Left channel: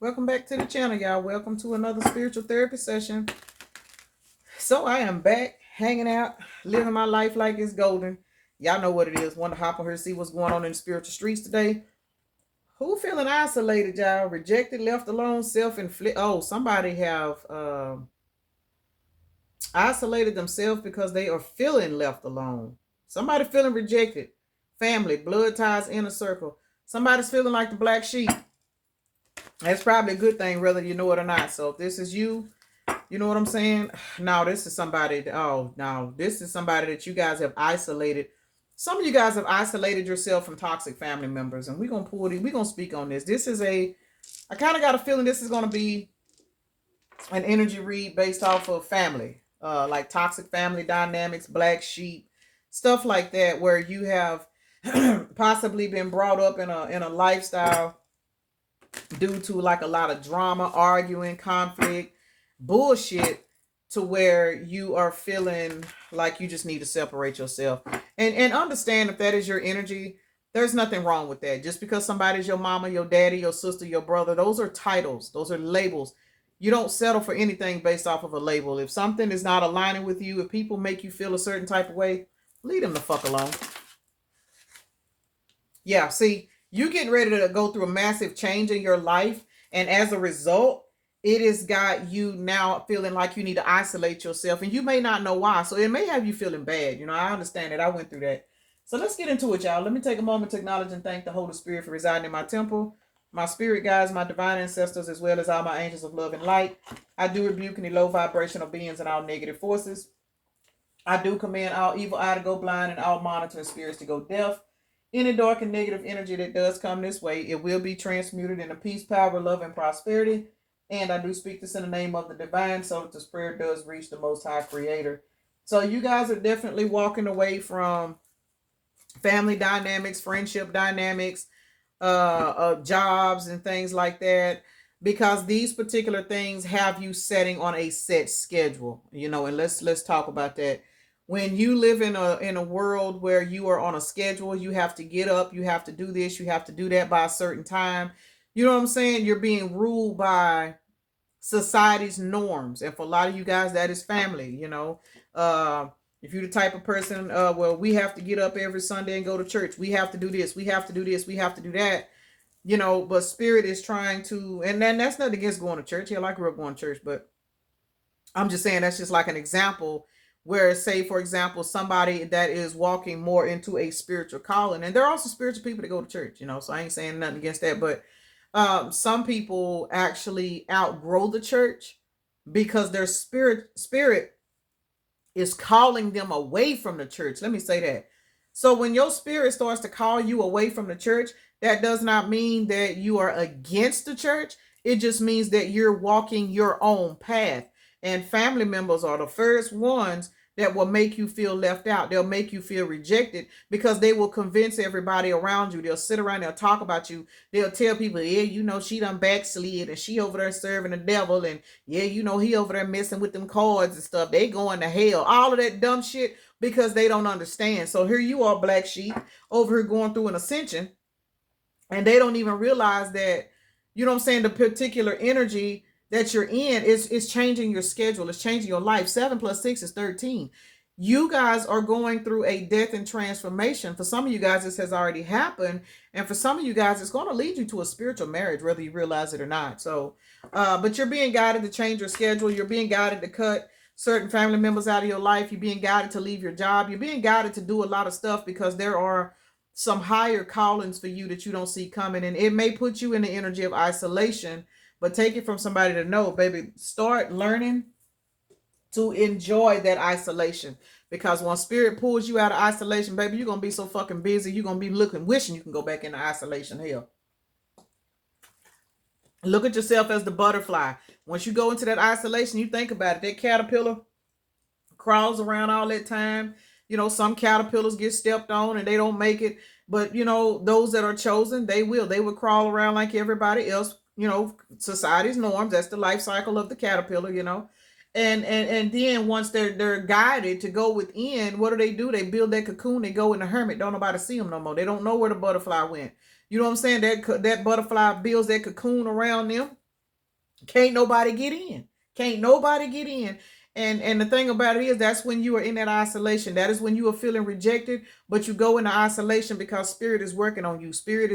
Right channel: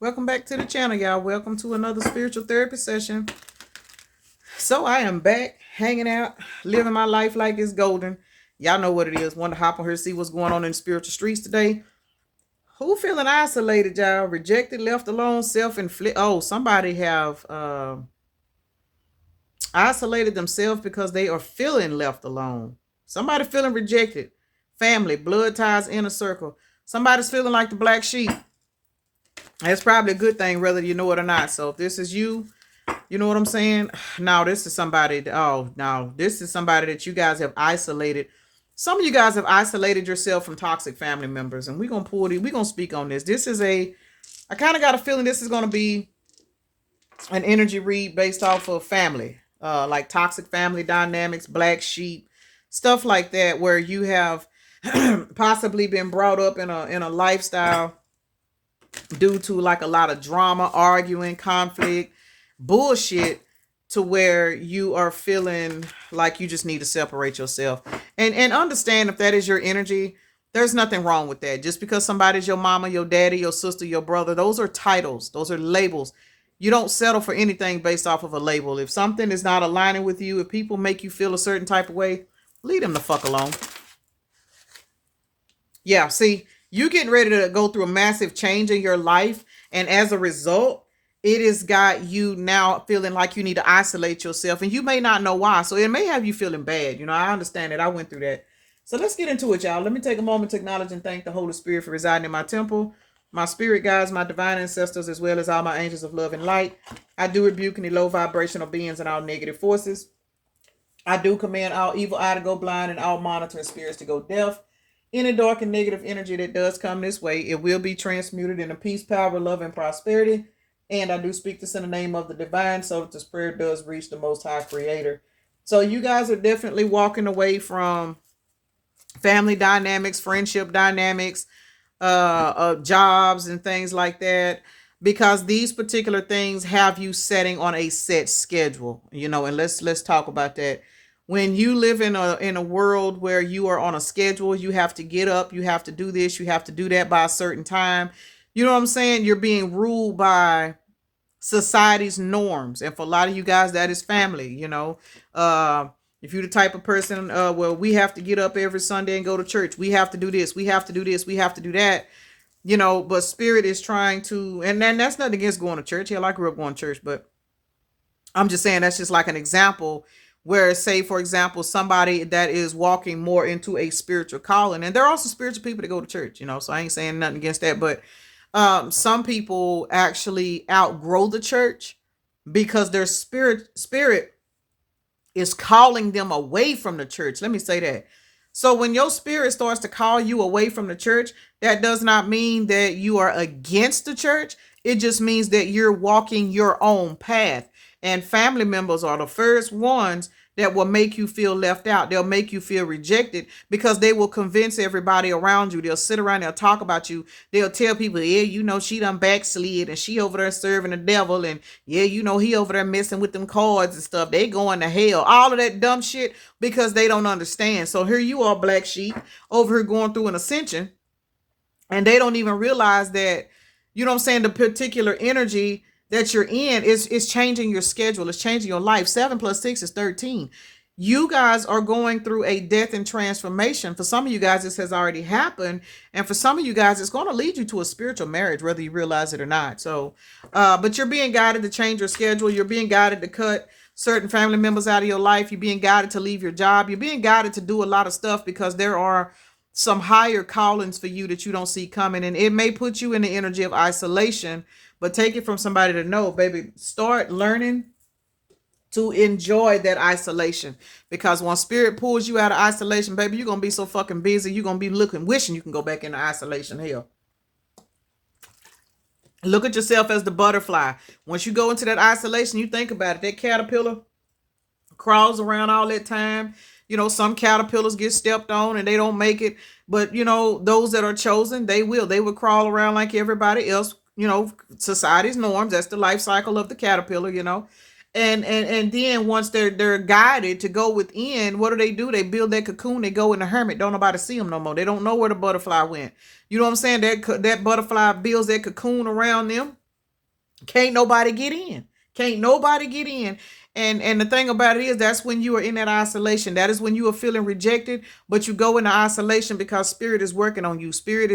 Welcome back to the channel, y'all. Welcome to another spiritual therapy session. So I am back, hanging out, living my life like it's golden. Y'all know what it is. Want to hop on here, see what's going on in the spiritual streets today. Who feeling isolated, y'all? Rejected, left alone, self-inflicted. Oh, somebody have isolated themselves because they are feeling left alone. Somebody feeling rejected. Family, blood ties, inner circle. Somebody's feeling like the black sheep. That's probably a good thing, whether you know it or not. So if this is you, you know what I'm saying? Now this is somebody. Oh, now this is somebody that you guys have isolated. Some of you guys have isolated yourself from toxic family members, and we're gonna we're gonna speak on this. This is a. I kind of got a feeling this is gonna be an energy read based off of family, like toxic family dynamics, black sheep, stuff like that, where you have possibly been brought up in a lifestyle due to like a lot of drama, arguing, conflict, bullshit, to where you are feeling like you just need to separate yourself. And understand, if that is your energy, there's nothing wrong with that. Just because somebody's your mama, your daddy, your sister, your brother, those are titles, those are labels. You don't settle for anything based off of a label. If something is not aligning with you, if people make you feel a certain type of way, leave them the fuck alone. Yeah, see, you getting ready to go through a massive change in your life, and as a result, it has got you now feeling like you need to isolate yourself, and you may not know why. So it may have you feeling bad. I understand that. I went through that. So let's get into it, y'all. Let me take a moment to acknowledge and thank the Holy Spirit for residing in my temple, my spirit guides, my divine ancestors, as well as all my angels of love and light. I do rebuke any low vibrational beings and all negative forces. I do command all evil eye to go blind and all monitoring spirits to go deaf. Any dark and negative energy that does come this way, it will be transmuted into peace, power, love, and prosperity. And I do speak this in the name of the divine so that this prayer does reach the most high creator. So you guys are definitely walking away from family dynamics, friendship dynamics, jobs and things like that, because these particular things have you setting on a set schedule. And let's talk about that. When you live in a world where you are on a schedule, you have to get up, you have to do this, you have to do that by a certain time. You know what I'm saying? You're being ruled by society's norms, and for a lot of you guys, that is family. If you're the type of person, well, we have to get up every Sunday and go to church, we have to do this, we have to do this, we have to do that. But spirit is trying to, and then that's not against going to church. Hell, I grew up going to church, but I'm just saying that's just like an example where, say, for example, somebody that is walking more into a spiritual calling, and there are also spiritual people that go to church, so I ain't saying nothing against that, but some people actually outgrow the church because their spirit is calling them away from the church. Let me say that. So when your spirit starts to call you away from the church, that does not mean that you are against the church. It just means that you're walking your own path. And family members are the first ones that will make you feel left out. They'll make you feel rejected because they will convince everybody around you. They'll sit around, they'll talk about you. They'll tell people, yeah, she done backslid and she over there serving the devil. And yeah, he over there messing with them cards and stuff. They going to hell. All of that dumb shit because they don't understand. So here you are, black sheep, over here going through an ascension. And they don't even realize that, the particular energy that you're in is changing your schedule. It's changing your life. 7 plus 6 is 13. You guys are going through a death and transformation. For some of you guys, this has already happened. And for some of you guys, it's going to lead you to a spiritual marriage, whether you realize it or not. So, but you're being guided to change your schedule. You're being guided to cut certain family members out of your life. You're being guided to leave your job. You're being guided to do a lot of stuff because there are some higher callings for you that you don't see coming. And it may put you in the energy of isolation, but take it from somebody to know, baby, start learning to enjoy that isolation, because when spirit pulls you out of isolation, baby, you're going to be so fucking busy. You're going to be wishing you can go back into isolation. Hell, look at yourself as the butterfly. Once you go into that isolation, you think about it. That caterpillar crawls around all that time. Some caterpillars get stepped on and they don't make it. But, those that are chosen, they will crawl around like everybody else. Society's norms. That's the life cycle of the caterpillar, And then once they're guided to go within, what do? They build that cocoon. They go in the hermit. Don't nobody see them no more. They don't know where the butterfly went. You know what I'm saying? That butterfly builds that cocoon around them. Can't nobody get in. Can't nobody get in. And the thing about it is, that's when you are in that isolation. That is when you are feeling rejected, but you go into isolation because spirit is working on you. Spirit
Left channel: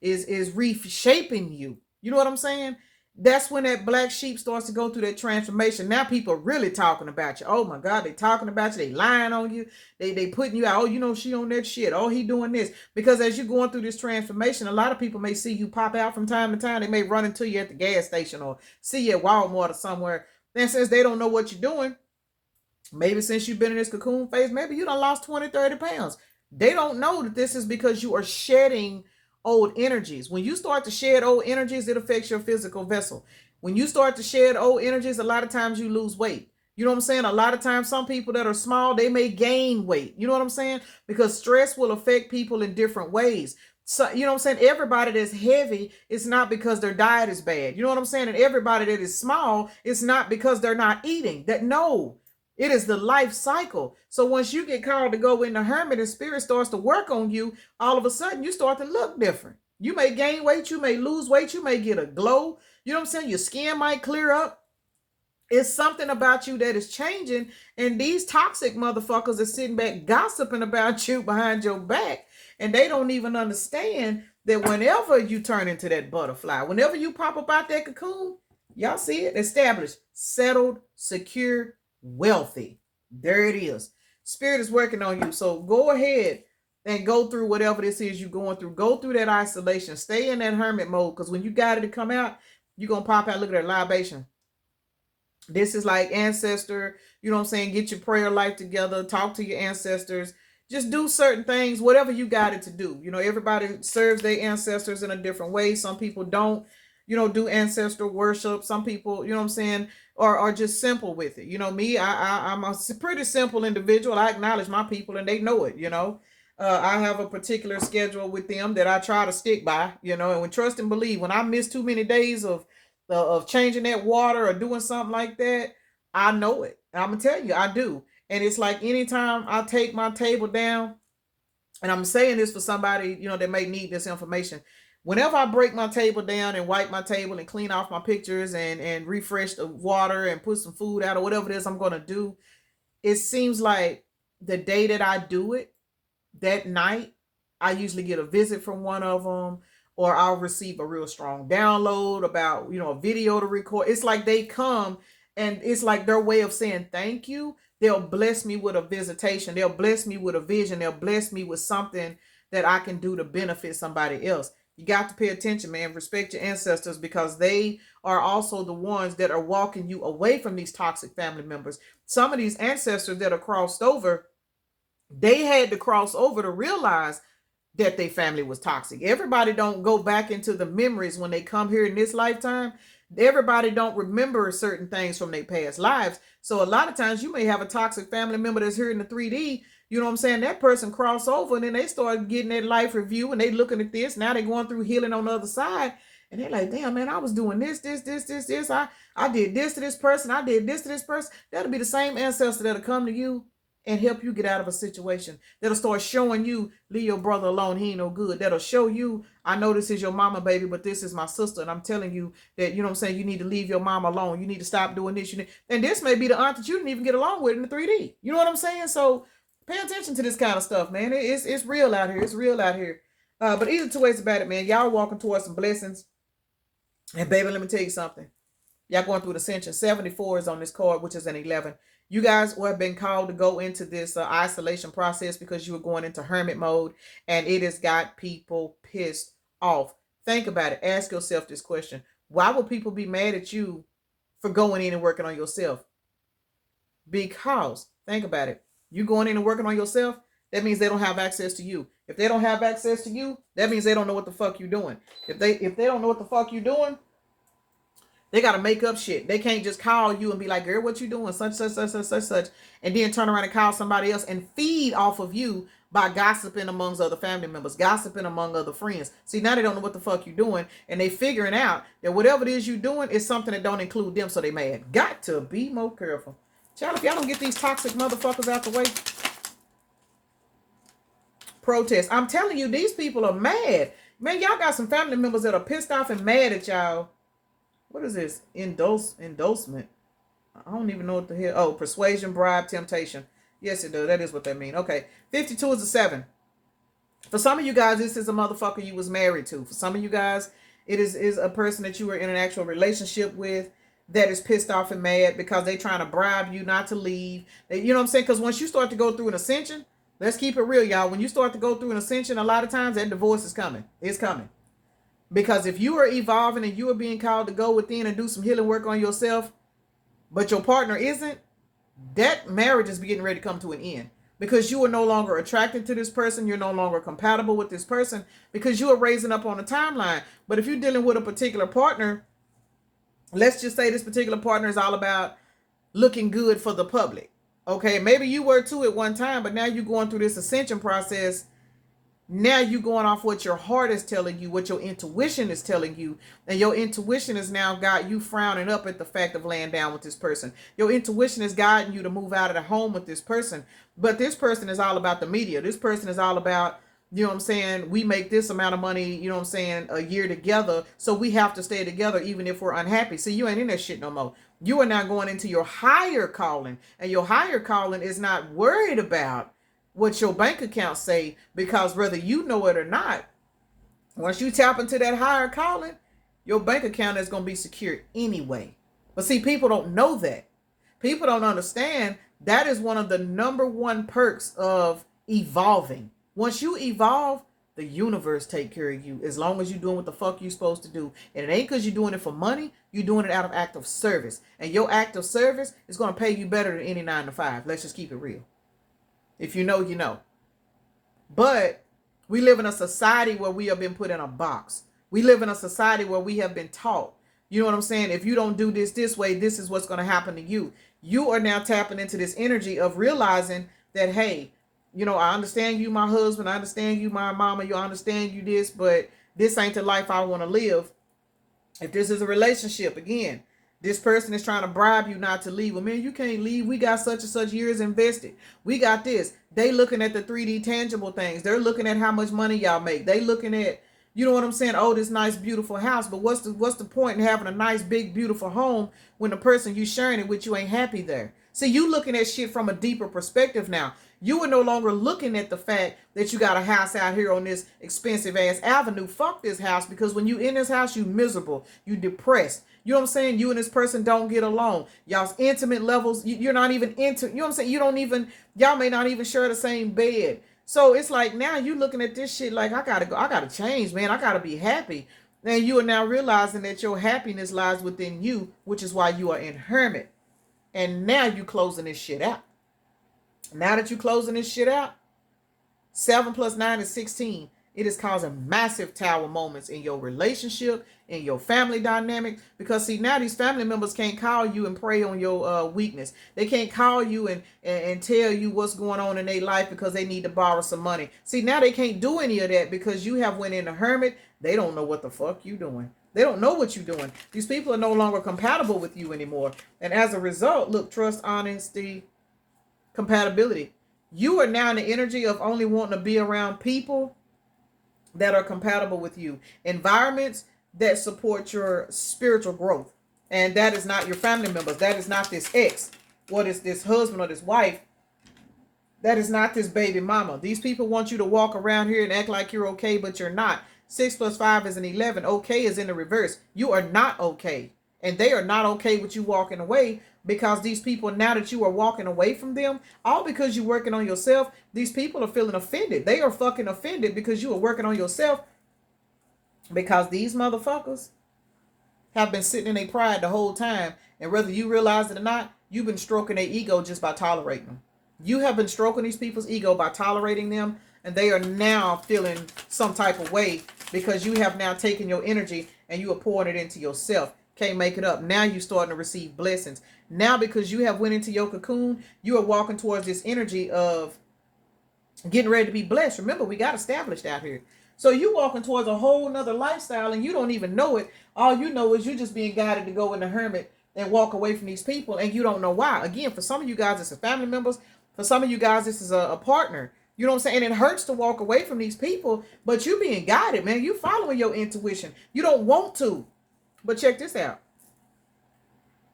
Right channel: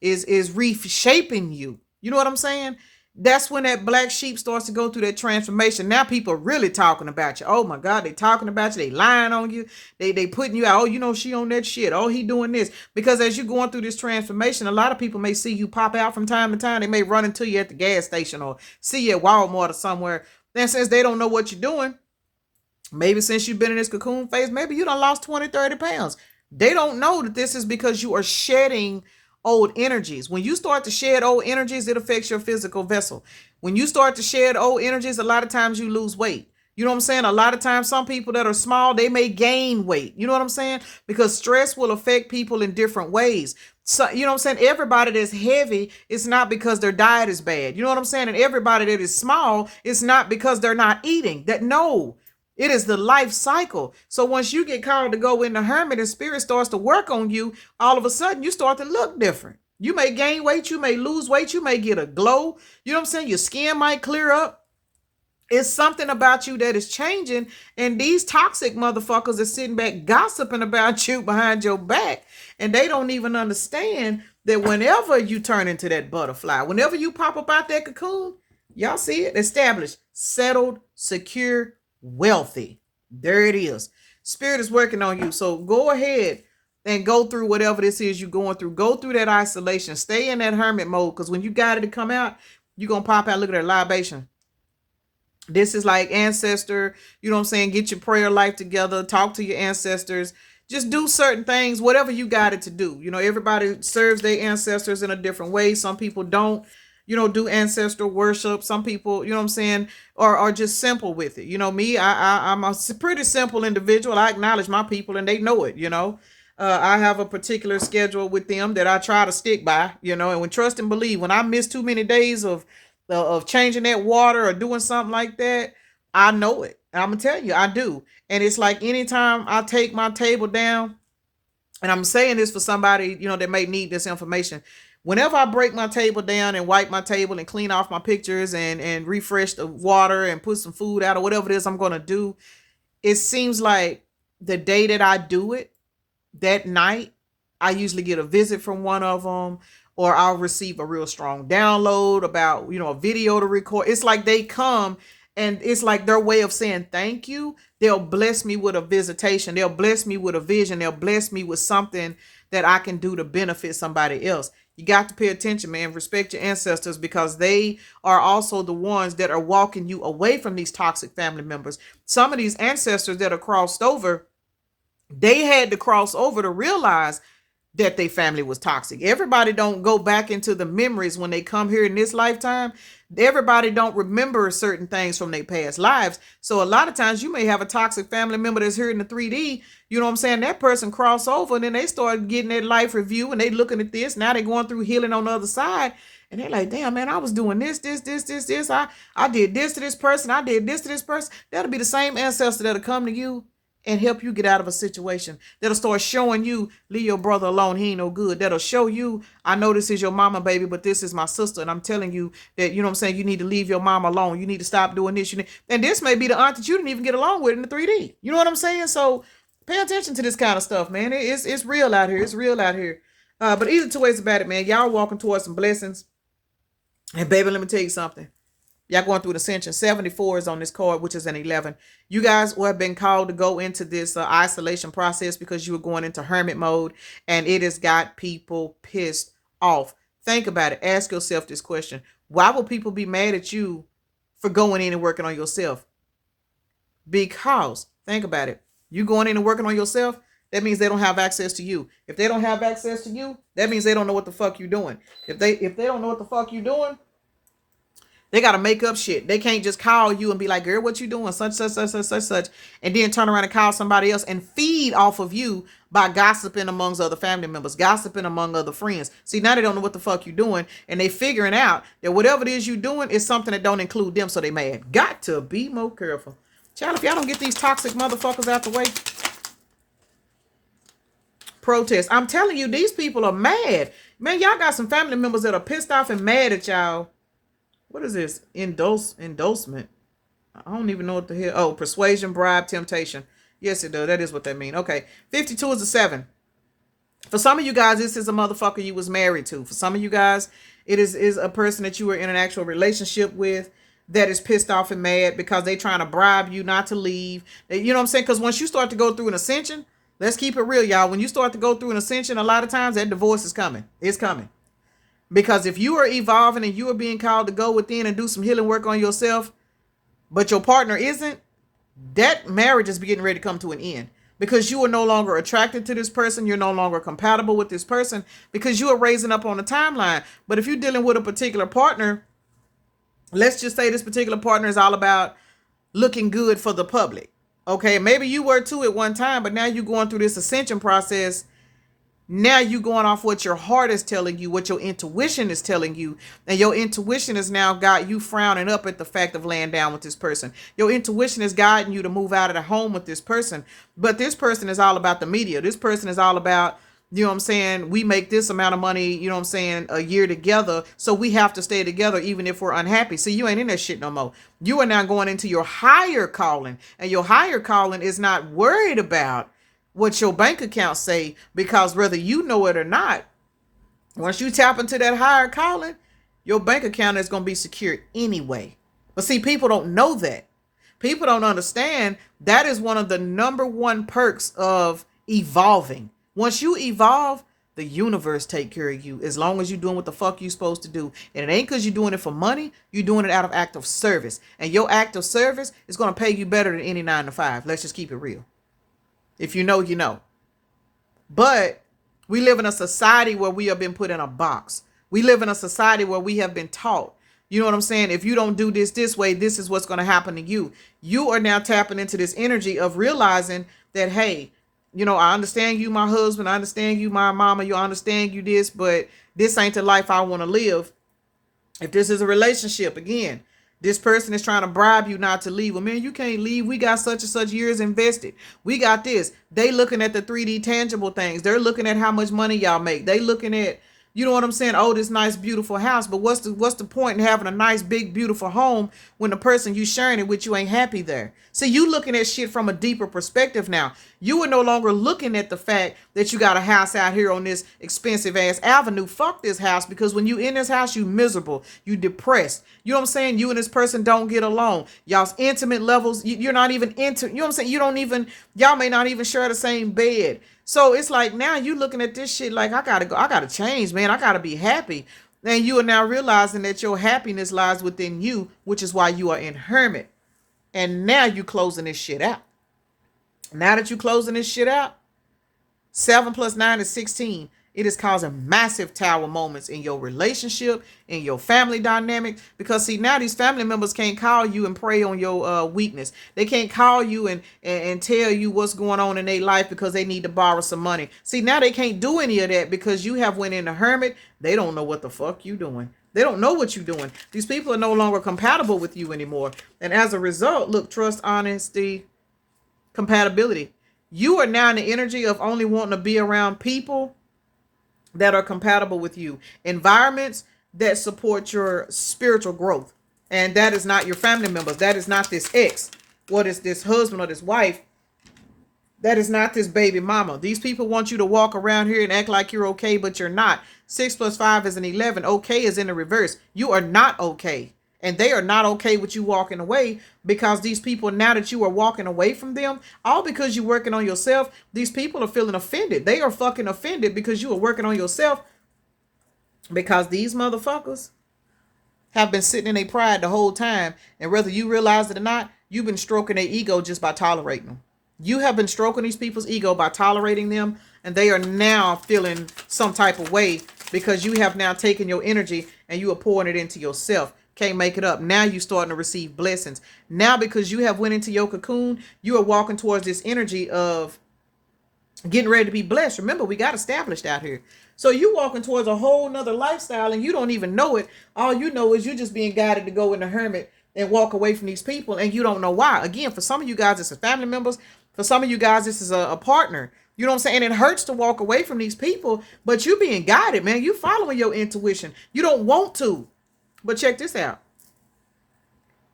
is reshaping you. You know what I'm saying? That's when that black sheep starts to go through that transformation. Now people are really talking about you. Oh my God, they talking about you. They lying on you. They putting you out. Oh, you know, she on that shit. Oh, he doing this. Because as you're going through this transformation, a lot of people may see you pop out from time to time. They may run into you at the gas station or see you at Walmart or somewhere. Then since they don't know what you're doing, maybe since you've been in this cocoon phase, maybe you done lost 20, 30 pounds. They don't know that this is because you are shedding old energies. When you start to shed old energies, it affects your physical vessel. When you start to shed old energies, a lot of times you lose weight. You know what I'm saying? A lot of times, some people that are small, they may gain weight. You know what I'm saying? Because stress will affect people in different ways. So, you know what I'm saying? Everybody that's heavy, it's not because their diet is bad. You know what I'm saying? And everybody that is small, it's not because they're not eating. That no, it is the life cycle. So once you get called to go in the hermit and spirit starts to work on you, all of a sudden you start to look different. You may gain weight, you may lose weight, you may get a glow. You know what I'm saying? Your skin might clear up. It's something about you that is changing, and these toxic motherfuckers are sitting back gossiping about you behind your back, and they don't even understand that whenever you turn into that butterfly, whenever you pop up out that cocoon, y'all see it, established, settled, secure, wealthy. There it is. Spirit is working on you, so go ahead and go through whatever this is you're going through. Go through that isolation. Stay in that hermit mode, because when you got it to come out, you're going to pop out. Look at that libation. This is like ancestor, you know what I'm saying? Get your prayer life together, talk to your ancestors, just do certain things, whatever you got it to do. You know, everybody serves their ancestors in a different way. Some people don't, you know, do ancestral worship. Some people, you know what I'm saying, are just simple with it. You know, me, I'm a pretty simple individual. I acknowledge my people and they know it, you know. I have a particular schedule with them that I try to stick by, you know, and when trust and believe, when I miss too many days of changing that water or doing something like that, I know it. I'm gonna tell you, I do. And it's like anytime I take my table down, and I'm saying this for somebody, you know, that may need this information. Whenever I break my table down and wipe my table and clean off my pictures and refresh the water and put some food out or whatever it is I'm gonna do, it seems like the day that I do it, that night, I usually get a visit from one of them, or I'll receive a real strong download about, you know, a video to record. It's like they come and it's like their way of saying thank you. They'll bless me with a visitation. They'll bless me with a vision. They'll bless me with something that I can do to benefit somebody else. You got to pay attention, man. Respect your ancestors, because they are also the ones that are walking you away from these toxic family members. Some of these ancestors that are crossed over, they had to cross over to realize that their family was toxic. Everybody don't go back into the memories when they come here in this lifetime. Everybody don't remember certain things from their past lives. So a lot of times you may have a toxic family member that's here in the 3D. You know what I'm saying? That person cross over and then they start getting their life review and they looking at this. Now they're going through healing on the other side. And they're like, damn, man, I was doing this. I did this to this person. I did this to this person. That'll be the same ancestor that'll come to you and help you get out of a situation. That'll start showing you, leave your brother alone, he ain't no good. That'll show you, I know this is your mama, baby, but this is my sister, and I'm telling you that, you know what I'm saying, you need to leave your mama alone. You need to stop doing this. And this may be the aunt that you didn't even get along with in the 3D. You know what I'm saying? So pay attention to this kind of stuff, man. It's real out here. It's real out here. But either two ways about it, man. Y'all walking towards some blessings. And baby, let me tell you something. Y'all going through the ascension. 74 is on this card, which is an 11. You guys have been called to go into this isolation process because you were going into hermit mode, and it has got people pissed off. Think about it. Ask yourself this question. Why will people be mad at you for going in and working on yourself? Because, think about it. You going in and working on yourself, that means they don't have access to you. If they don't have access to you, that means they don't know what the fuck you're doing. If they don't know what the fuck you're doing, they got to make up shit. They can't just call you and be like, girl, what you doing? Such, and then turn around and call somebody else and feed off of you by gossiping amongst other family members, gossiping among other friends. See, now they don't know what the fuck you doing, and they figuring out that whatever it is you doing is something that don't include them, so they mad. Got to be more careful. Child, if y'all don't get these toxic motherfuckers out the way, protest. I'm telling you, these people are mad. Man, y'all got some family members that are pissed off and mad at y'all. What is this? Endorsement. I don't even know what the hell. Oh, persuasion, bribe, temptation. Yes, it does. That is what that means. Okay. 52 is a 7. For some of you guys, this is a motherfucker you was married to. For some of you guys, it is a person that you were in an actual relationship with that is pissed off and mad because they trying to bribe you not to leave. You know what I'm saying? Because once you start to go through an ascension, let's keep it real, y'all. When you start to go through an ascension, a lot of times that divorce is coming. It's coming. Because if you are evolving and you are being called to go within and do some healing work on yourself, but your partner isn't, that marriage is getting ready to come to an end. Because you are no longer attracted to this person. You're no longer compatible with this person because you are raising up on a timeline. But if you're dealing with a particular partner, let's just say this particular partner is all about looking good for the public. Okay, maybe you were too at one time, but now you're going through this ascension process. Now you're going off what your heart is telling you, what your intuition is telling you. And your intuition has now got you frowning up at the fact of laying down with this person. Your intuition is guiding you to move out of the home with this person. But this person is all about the media. This person is all about, you know what I'm saying, we make this amount of money, you know what I'm saying, a year together. So we have to stay together even if we're unhappy. See, you ain't in that shit no more. You are now going into your higher calling. And your higher calling is not worried about what your bank account say, because whether you know it or not, once you tap into that higher calling, your bank account is going to be secured anyway. But see, people don't know that. People don't understand that is one of the number one perks of evolving. Once you evolve, the universe take care of you as long as you're doing what the fuck you're supposed to do. And it ain't because you're doing it for money. You're doing it out of act of service. And your act of service is going to pay you better than any 9 to 5. Let's just keep it real. If you know, you know. But we live in a society where we have been put in a box. We live in a society where we have been taught. You know what I'm saying? If you don't do this way, this is what's going to happen to you. You are now tapping into this energy of realizing that, hey, you know, I understand you, my husband. I understand you, my mama. You understand you this, but this ain't the life I want to live. If this is a relationship, again, this person is trying to bribe you not to leave. Well, man, you can't leave. We got such and such years invested. We got this. They looking at the 3D tangible things. They're looking at how much money y'all make. They looking at, you know what I'm saying? Oh, this nice, beautiful house. But what's the point in having a nice, big, beautiful home when the person you sharing it with you ain't happy there? See, you looking at shit from a deeper perspective now. You are no longer looking at the fact that you got a house out here on this expensive ass avenue. Fuck this house, because when you in this house, you miserable, you depressed. You know what I'm saying? You and this person don't get along. Y'all's intimate levels, you're not even into, you know what I'm saying? You don't even, y'all may not even share the same bed. So it's like now you looking at this shit like, I gotta change, man. I gotta be happy. And you are now realizing that your happiness lies within you, which is why you are in hermit. And now you closing this shit out. Now that you closing this shit out, 7 plus 9 is 16. It is causing massive tower moments in your relationship, in your family dynamic. Because see, now these family members can't call you and prey on your weakness. They can't call you and tell you what's going on in their life because they need to borrow some money. See, now they can't do any of that because you have went in a hermit. They don't know what the fuck you doing. They don't know what you're doing. These people are no longer compatible with you anymore. And as a result, look, trust, honesty, compatibility. You are now in the energy of only wanting to be around people that are compatible with you. Environments that support your spiritual growth. And that is not your family members. That is not this ex. What is this husband or this wife? That is not this baby mama. These people want you to walk around here and act like you're okay, but you're not. 6 plus 5 is an 11. Okay is in the reverse. You are not okay. And they are not okay with you walking away, because these people, now that you are walking away from them, all because you're working on yourself, these people are feeling offended. They are fucking offended because you are working on yourself, because these motherfuckers have been sitting in their pride the whole time. And whether you realize it or not, you've been stroking their ego just by tolerating them. You have been stroking these people's ego by tolerating them, and they are now feeling some type of way because you have now taken your energy and you are pouring it into yourself. Can't make it up. Now you're starting to receive blessings. Now, because you have went into your cocoon, you are walking towards this energy of getting ready to be blessed. Remember, we got established out here. So you walking towards a whole nother lifestyle and you don't even know it. All you know is you're just being guided to go in the hermit and walk away from these people, and you don't know why. Again, for some of you guys, it's a family members. For some of you guys, this is a partner. You know what I'm saying? And it hurts to walk away from these people, but you being guided, man. You following your intuition. You don't want to. But check this out.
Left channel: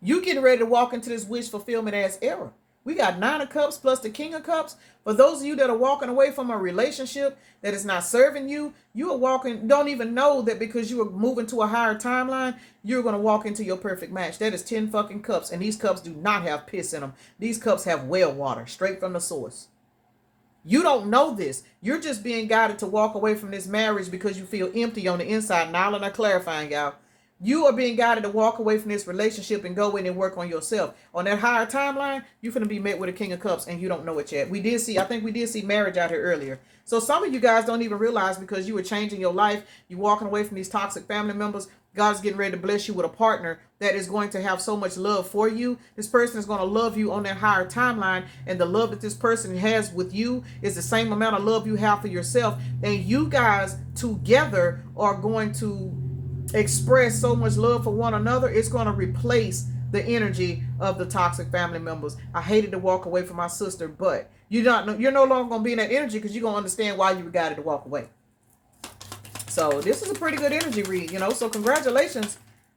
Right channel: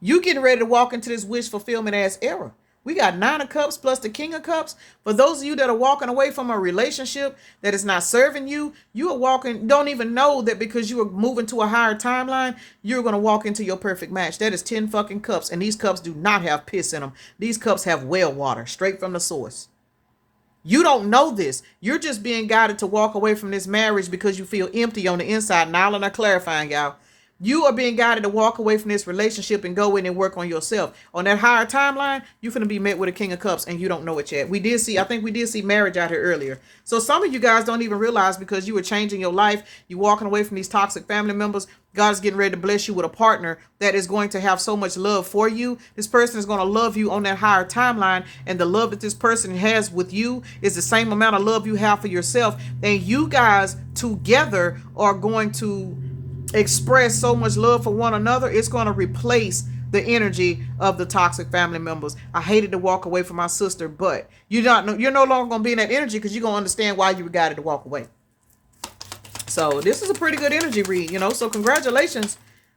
You getting ready to walk into this wish fulfillment ass era. We got 9 of Cups plus the King of Cups. For those of you that are walking away from a relationship that is not serving you, you are walking, don't even know that because you are moving to a higher timeline, you're going to walk into your perfect match. That is 10 fucking cups. And these cups do not have piss in them. These cups have well water straight from the source. You don't know this. You're just being guided to walk away from this marriage because you feel empty on the inside. Now I'm clarifying, y'all. You are being guided to walk away from this relationship and go in and work on yourself. On that higher timeline, you're going to be met with a King of Cups and you don't know it yet. I think we did see marriage out here earlier. So some of you guys don't even realize because you were changing your life, you walking away from these toxic family members, God's getting ready to bless you with a partner that is going to have so much love for you. This person is going to love you on that higher timeline. And the love that this person has with you is the same amount of love you have for yourself. And you guys together are going to express so much love for one another. It's going to replace the energy of the toxic family members. I hated to walk away from my sister, but you're no longer going to be in that energy because you're going to understand why you were guided to walk away. So this is a pretty good energy read, so congratulations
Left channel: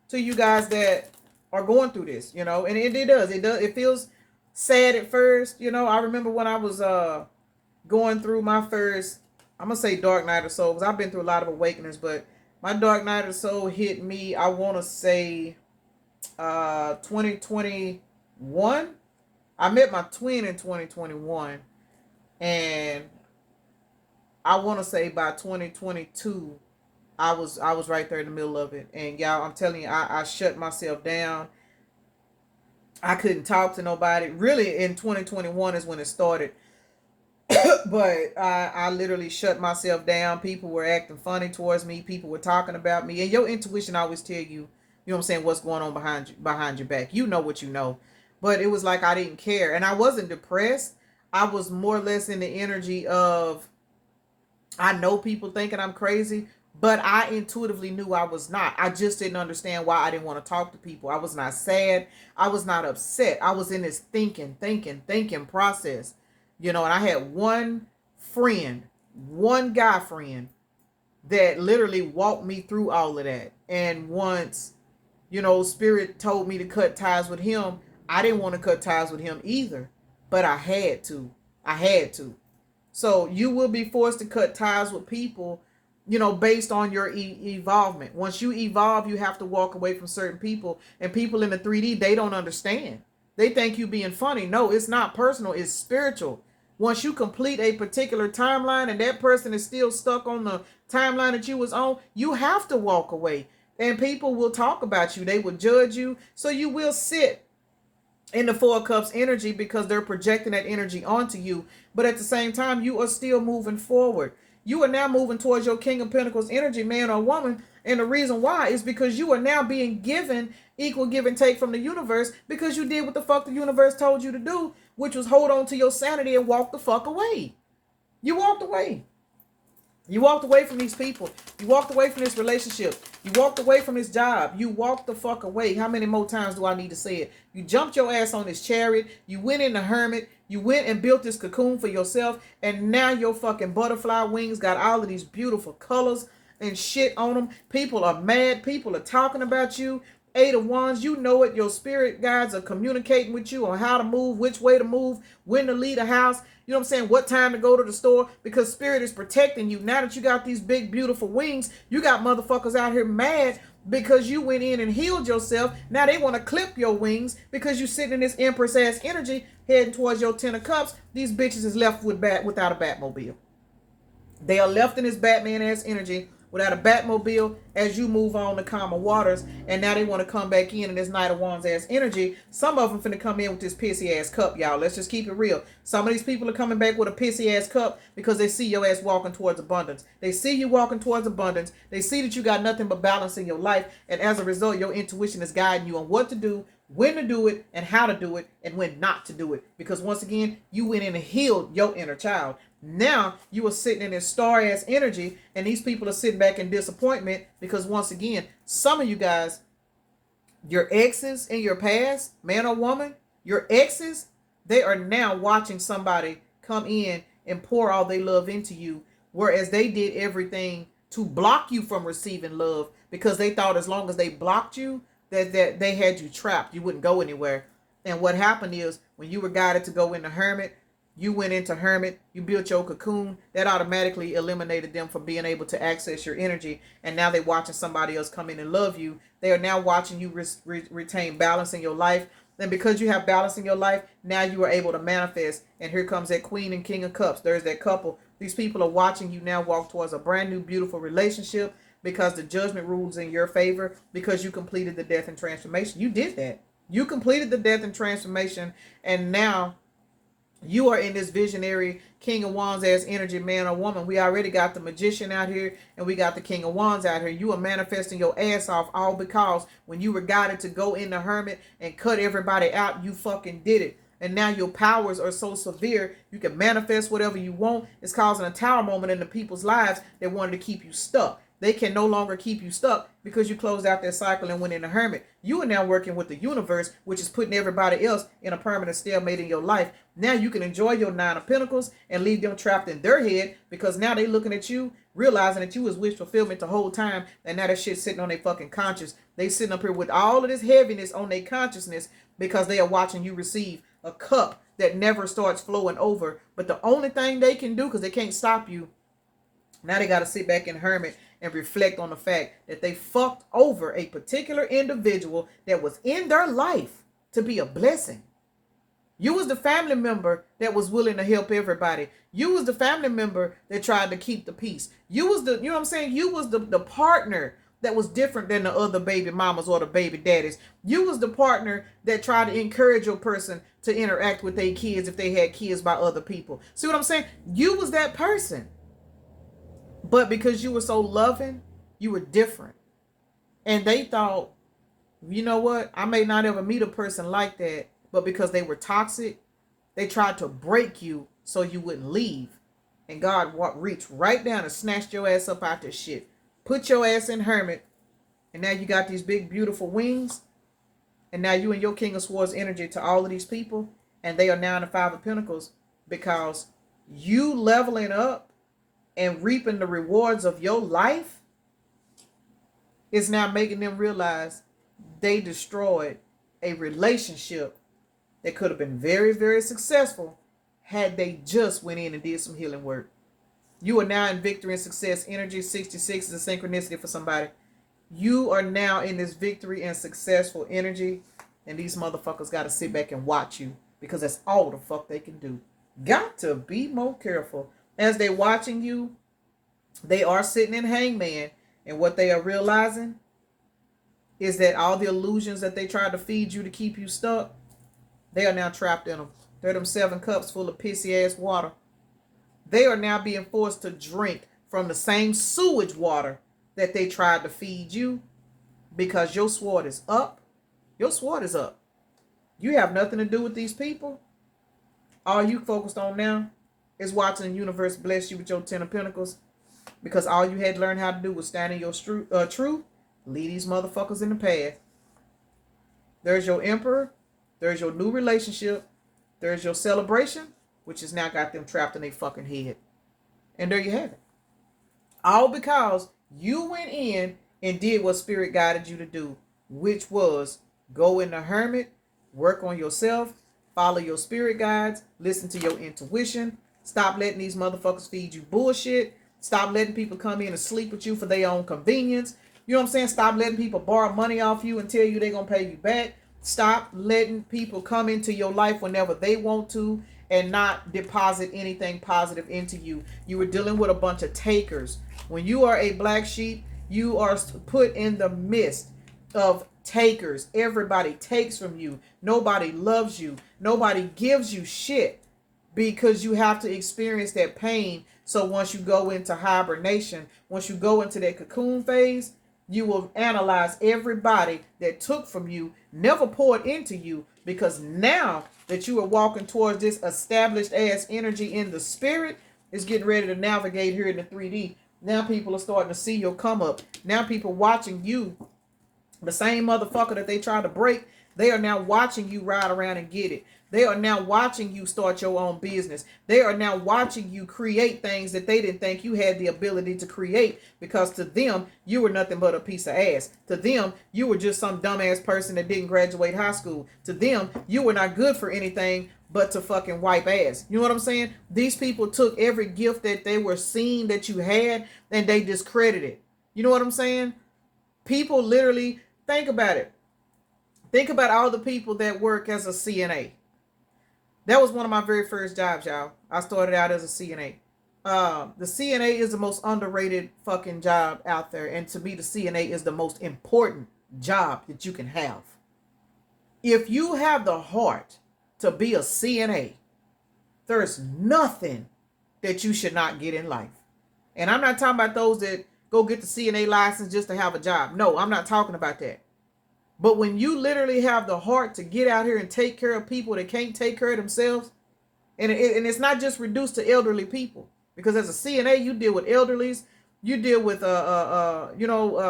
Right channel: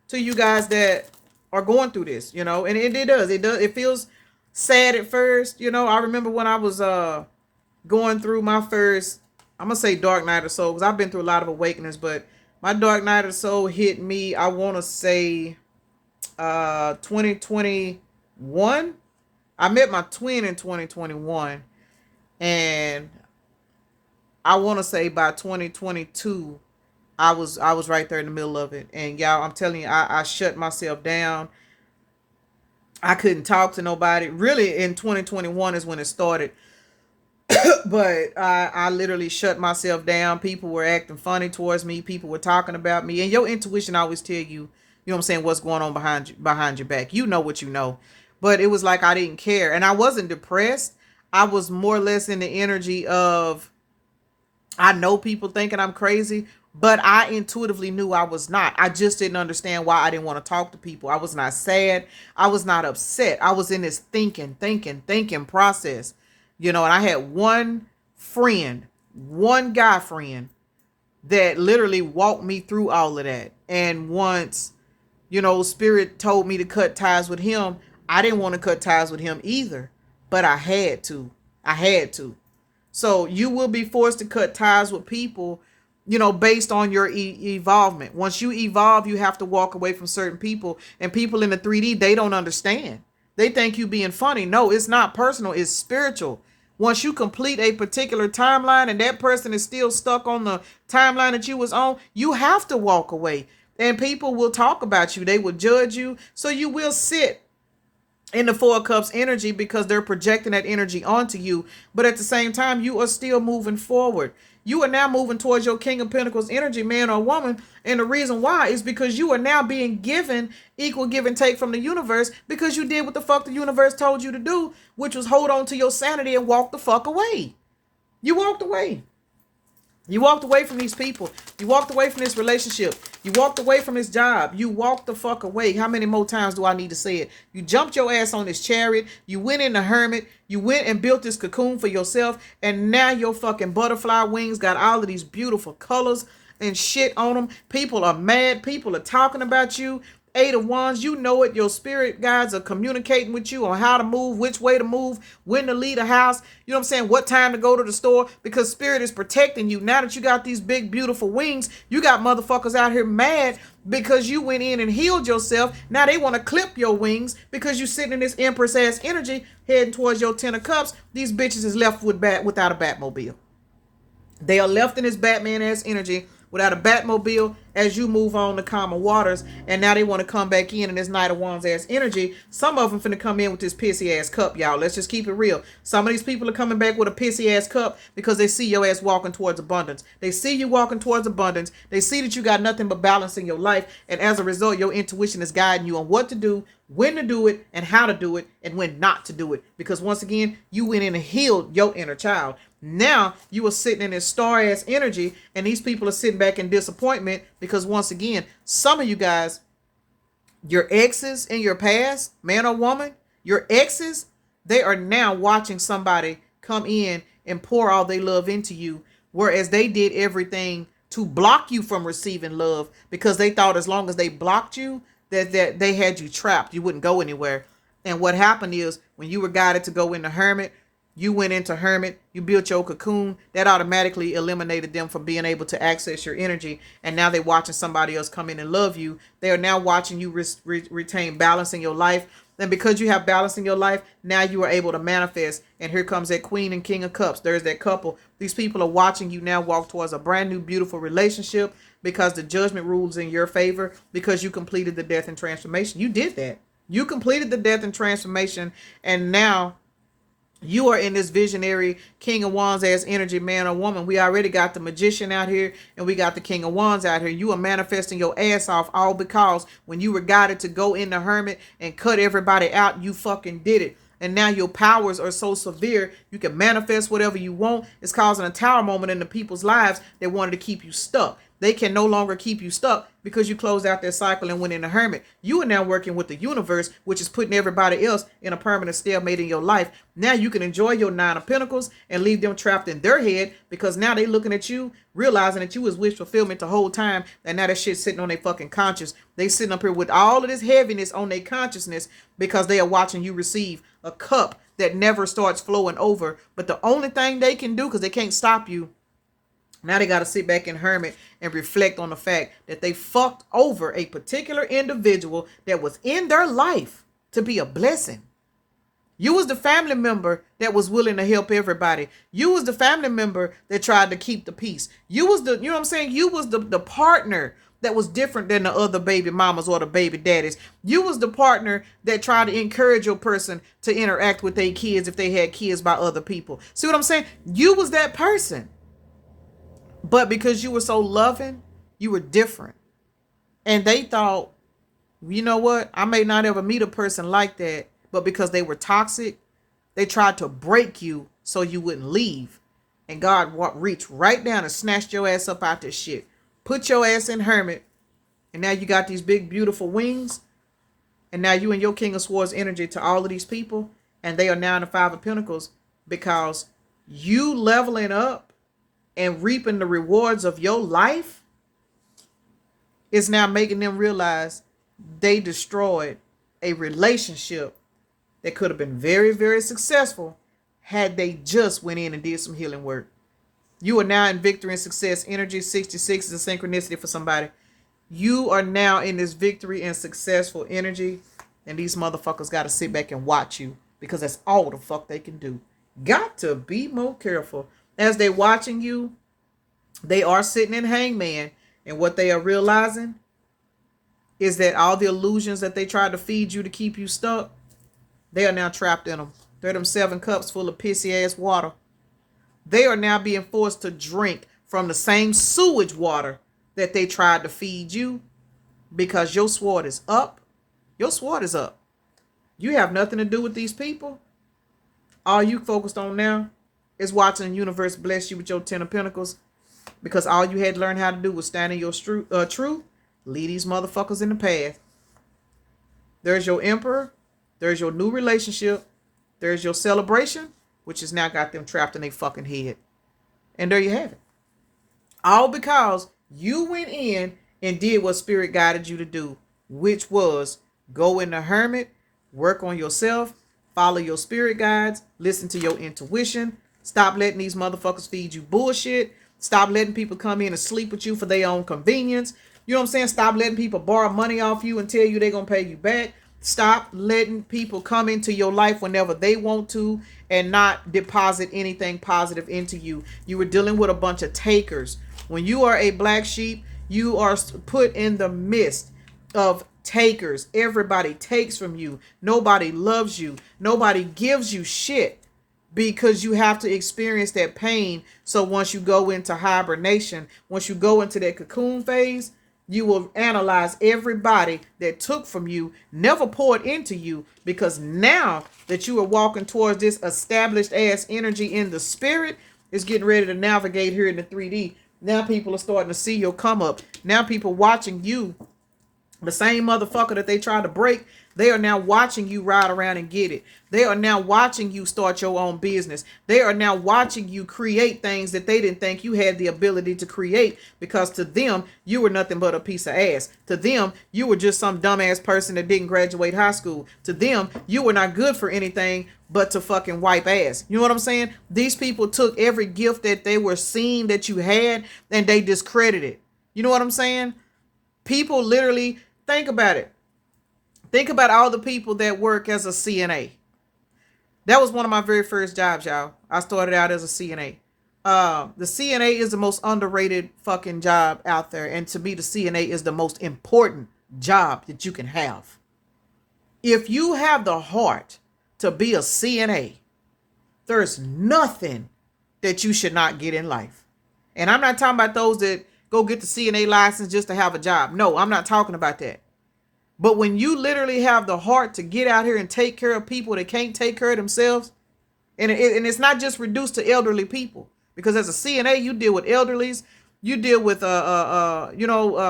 to you guys that are going through this, and it does. It feels sad at first. I remember when I was going through my first, I'm going to say dark night of the soul, because I've been through a lot of awakenings, but my dark night of the soul hit me, I want to say 2021. I met my twin in 2021, and I want to say by 2022, I was right there in the middle of it. And y'all, I'm telling you, I shut myself down. I couldn't talk to nobody. Really, in 2021 is when it started. But I literally shut myself down. People were acting funny towards me. People were talking about me. And your intuition always tell you, you know what I'm saying, what's going on behind your back. You know what you know. But it was like I didn't care. And I wasn't depressed. I was more or less in the energy of, I know people thinking I'm crazy, but I intuitively knew I was not. I just didn't understand why I didn't want to talk to people. I was not sad. I was not upset. I was in this thinking process. And I had one guy friend that literally walked me through all of that. And once, Spirit told me to cut ties with him, I didn't want to cut ties with him either, but I had to. So you will be forced to cut ties with people, based on your evolvement. Once you evolve, you have to walk away from certain people, and people in the 3D, they don't understand. They think you being funny. No, it's not personal. It's spiritual. Once you complete a particular timeline and that person is still stuck on the timeline that you was on, you have to walk away. And people will talk about you. They will judge you. So you will sit in the 4 of Cups energy because they're projecting that energy onto you. But at the same time, you are still moving forward. You are now moving towards your King of Pentacles energy, man or woman. And the reason why is because you are now being given equal give and take from the universe because you did what the fuck the universe told you to do, which was hold on to your sanity and walk the fuck away. You walked away. You walked away from these people. You walked away from this relationship. You walked away from this job. You walked the fuck away. How many more times do I need to say it? You jumped your ass on this chariot. You went in the hermit. You went and built this cocoon for yourself. And now your fucking butterfly wings got all of these beautiful colors and shit on them. People are mad. People are talking about you. 8 of Wands, you know it. Your spirit guides are communicating with you on how to move, which way to move, when to leave the house. You know what I'm saying? What time to go to the store, because spirit is protecting you. Now that you got these big, beautiful wings, you got motherfuckers out here mad because you went in and healed yourself. Now they want to clip your wings because you sitting in this Empress ass energy heading towards your 10 of Cups. These bitches is left without a Batmobile. They are left in this Batman ass energy without a Batmobile as you move on to calmer waters. And now they want to come back in this Knight of Wands ass energy. Some of them finna come in with this pissy ass cup, y'all. Let's just keep it real. Some of these people are coming back with a pissy ass cup because they see your ass walking towards abundance. They see you walking towards abundance. They see that you got nothing but balance in your life. And as a result, your intuition is guiding you on what to do, when to do it, and how to do it, and when not to do it. Because once again, you went in and healed your inner child. Now you are sitting in this star ass energy, and these people are sitting back in disappointment because once again, some of you guys, your exes in your past, man or woman, your exes, they are now watching somebody come in and pour all their love into you, whereas they did everything to block you from receiving love because they thought as long as they blocked you, that they had you trapped. You wouldn't go anywhere. And what happened is when you were guided to go into hermit, you went into hermit, you built your cocoon, that automatically eliminated them from being able to access your energy. And now they're watching somebody else come in and love you. They are now watching you retain balance in your life. And because you have balance in your life, now you are able to manifest. And here comes that queen and king of cups. There's that couple. These people are watching you now walk towards a brand new, beautiful relationship because the judgment rules in your favor because you completed the death and transformation. You did that. You completed the death and transformation. And now you are in this visionary King of Wands as energy, man or woman. We already got the magician out here and we got the King of Wands out here. You are manifesting your ass off all because when you were guided to go in the hermit and cut everybody out, you fucking did it. And now your powers are so severe, you can manifest whatever you want. It's causing a tower moment in the people's lives that wanted to keep you stuck. They can no longer keep you stuck because you closed out that cycle and went in the hermit. You are now working with the universe, which is putting everybody else in a permanent stalemate in your life. Now you can enjoy your 9 of Pentacles and leave them trapped in their head because now they looking at you, realizing that you was wish fulfillment the whole time, and now that shit's sitting on their fucking conscience. They sitting up here with all of this heaviness on their consciousness because they are watching you receive a cup that never starts flowing over. But the only thing they can do, because they can't stop you, now they got to sit back in hermit and reflect on the fact that they fucked over a particular individual that was in their life to be a blessing. You was the family member that was willing to help everybody. You was the family member that tried to keep the peace. You was the, you know what I'm saying? You was the partner that was different than the other baby mamas or the baby daddies. You was the partner that tried to encourage your person to interact with their kids if they had kids by other people. See what I'm saying? You was that person. But because you were so loving, you were different. And they thought, you know what? I may not ever meet a person like that. But because they were toxic, they tried to break you so you wouldn't leave. And God reached right down and snatched your ass up out this shit. Put your ass in hermit. And now you got these big, beautiful wings. And now you and your King of Swords energy to all of these people. And they are now in the 5 of Pentacles because you leveling up and reaping the rewards of your life is now making them realize they destroyed a relationship that could have been very, very successful had they just went in and did some healing work. You are now in victory and success energy. 66 is a synchronicity for somebody. You are now in this victory and successful energy, and these motherfuckers got to sit back and watch you because that's all the fuck they can do. Got to be more careful. As they watching you, they are sitting in hangman, and what they are realizing is that all the illusions that they tried to feed you to keep you stuck, they are now trapped in them. They're them 7 cups full of pissy ass water. They are now being forced to drink from the same sewage water that they tried to feed you because your sword is up. Your sword is up. You have nothing to do with these people. All you focused on now is watching the universe bless you with your 10 of Pentacles because all you had to learn how to do was stand in your truth. Lead these motherfuckers in the path. There's your Emperor. There's your new relationship. There's your celebration, which has now got them trapped in their fucking head. And there you have it. All because you went in and did what Spirit guided you to do, which was go in the hermit, work on yourself, follow your spirit guides, listen to your intuition, stop letting these motherfuckers feed you bullshit, stop letting people come in and sleep with you for their own convenience. You know what I'm saying? Stop letting people borrow money off you and tell you they're going to pay you back. Stop letting people come into your life whenever they want to and not deposit anything positive into you. You were dealing with a bunch of takers. When you are a black sheep, you are put in the midst of takers. Everybody takes from you. Nobody loves you. Nobody gives you shit because you have to experience that pain. So once you go into hibernation, once you go into that cocoon phase, you will analyze everybody that took from you, never poured into you, because now that you are walking towards this established ass energy in the spirit, it's getting ready to navigate here in the 3D. Now people are starting to see your come up. Now people watching you The same motherfucker that they tried to break, they are now watching you ride around and get it. They are now watching you start your own business. They are now watching you create things that they didn't think you had the ability to create, because to them, you were nothing but a piece of ass. To them, you were just some dumbass person that didn't graduate high school. To them, you were not good for anything but to fucking wipe ass. You know what I'm saying? These people took every gift that they were seeing that you had and they discredited it. You know what I'm saying? People literally, think about it. Think about all the people that work as a CNA. That was one of my very first jobs, y'all. I started out as a CNA. The CNA is the most underrated fucking job out there. And to me, the CNA is the most important job that you can have. If you have the heart to be a CNA, there's nothing that you should not get in life. And I'm not talking about those that go get the CNA license just to have a job. No, I'm not talking about that. But when you literally have the heart to get out here and take care of people that can't take care of themselves, and it's not just reduced to elderly people, because as a CNA, you deal with elderlies, you deal with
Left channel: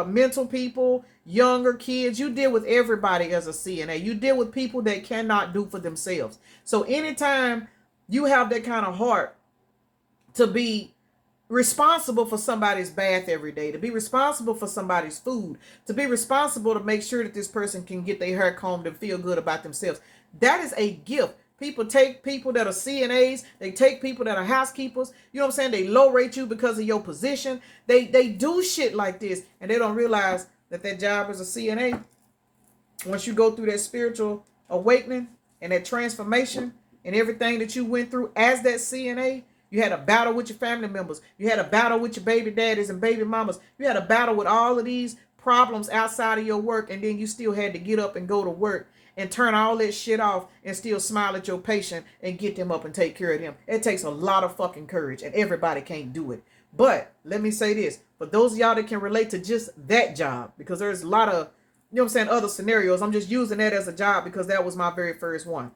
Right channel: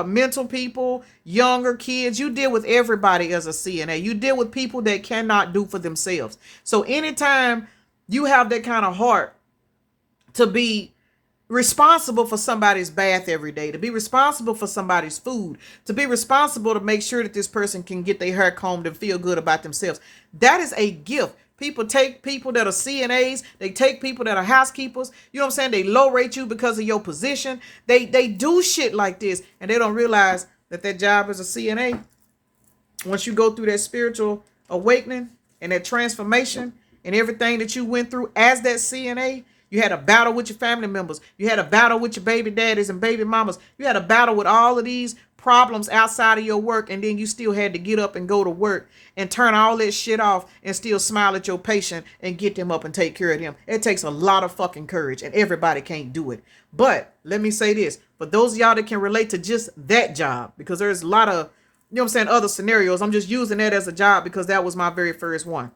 mental people, younger kids, you deal with everybody as a CNA. You deal with people that cannot do for themselves. So anytime you have that kind of heart to be responsible for somebody's bath every day, to be responsible for somebody's food, to be responsible to make sure that this person can get their hair combed and feel good about themselves, that is a gift. People take people that are CNAs, they take people that are housekeepers, you know what I'm saying? They low rate you because of your position. They do shit like this, and they don't realize that that job as a CNA, once you go through that spiritual awakening and that transformation and everything that you went through as that CNA, you had a battle with your family members. You had a battle with your baby daddies and baby mamas. You had a battle with all of these problems outside of your work, and then you still had to get up and go to work and turn all that shit off and still smile at your patient and get them up and take care of them. It takes a lot of fucking courage, and everybody can't do it. But let me say this, for those of y'all that can relate to just that job, because there's a lot of, you know what I'm saying, other scenarios. I'm just using that as a job because that was my very first one.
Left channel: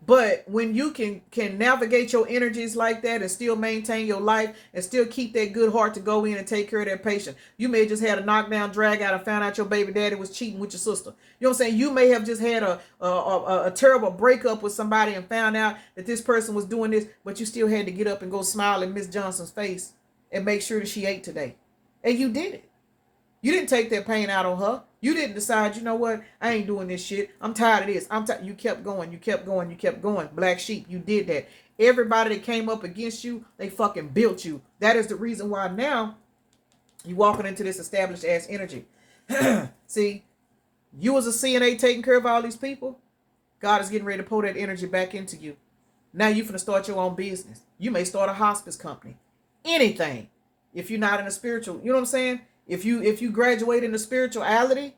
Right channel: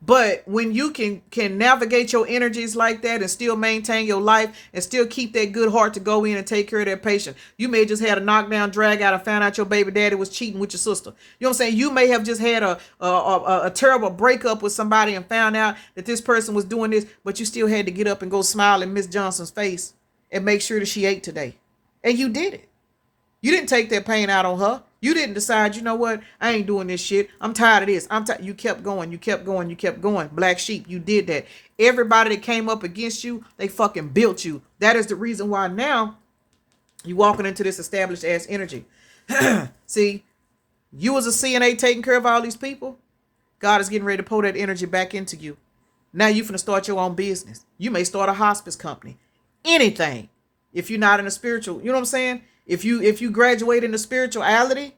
But when you can navigate your energies like that and still maintain your life and still keep that good heart to go in and take care of that patient. You may have just had a knockdown, drag out, and found out your baby daddy was cheating with your sister. You know what I'm saying? You may have just had a terrible breakup with somebody and found out that this person was doing this, but you still had to get up and go smile in Miss Johnson's face and make sure that she ate today. And you did it. You didn't take that pain out on her. You didn't decide, you know what, I ain't doing this shit. I'm tired of this. You kept going. You kept going. You kept going. Black sheep, you did that. Everybody that came up against you, they fucking built you. That is the reason why now you walking into this established ass energy. See, you as a CNA taking care of all these people, God is getting ready to pour that energy back into you. Now you finna start your own business. You may start a hospice company. Anything. If you're not in a spiritual, you know what I'm saying? If you graduate into spirituality,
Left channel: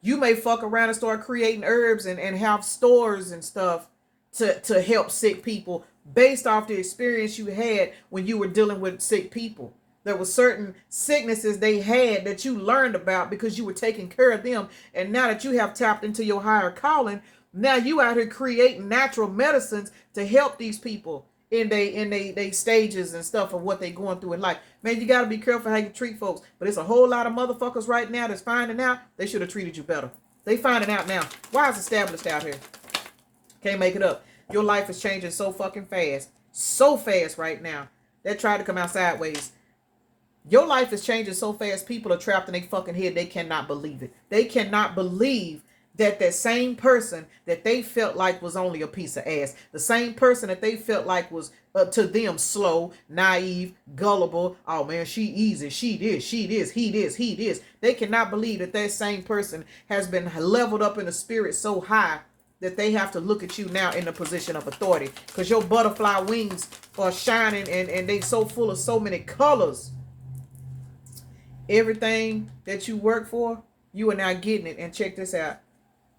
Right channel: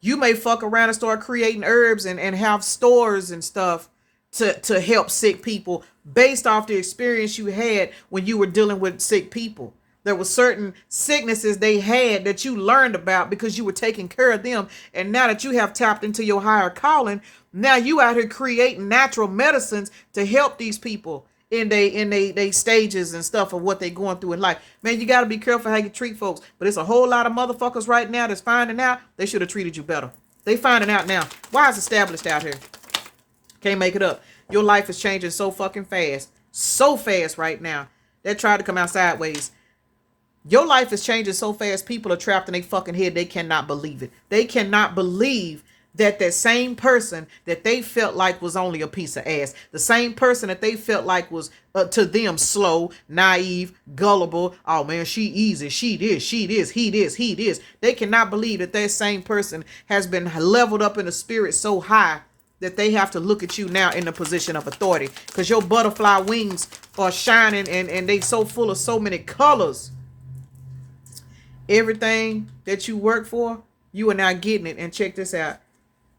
you may fuck around and start creating herbs and have stores and stuff to help sick people based off the experience you had when you were dealing with sick people. There were certain sicknesses they had that you learned about because you were taking care of them. And now that you have tapped into your higher calling, now you out here creating natural medicines to help these people in they stages and stuff of what they going through in life. Man, you got to be careful how you treat folks. But it's a whole lot of motherfuckers right now that's finding out they should have treated you better. They finding out now. Why is established out here? Can't make it up. Your life is changing so fucking fast. So fast right now. That tried to come out sideways. Your life is changing so fast, people are trapped in their fucking head. They cannot believe it. They cannot believe that same person that they felt like was only a piece of ass, the same person that they felt like was to them slow, naive, gullible, oh man, she easy, she this, he this. They cannot believe that same person has been leveled up in the spirit so high that they have to look at you now in the position of authority, because your butterfly wings are shining and they so full of so many colors. Everything that you work for, you are now getting it. And check this out.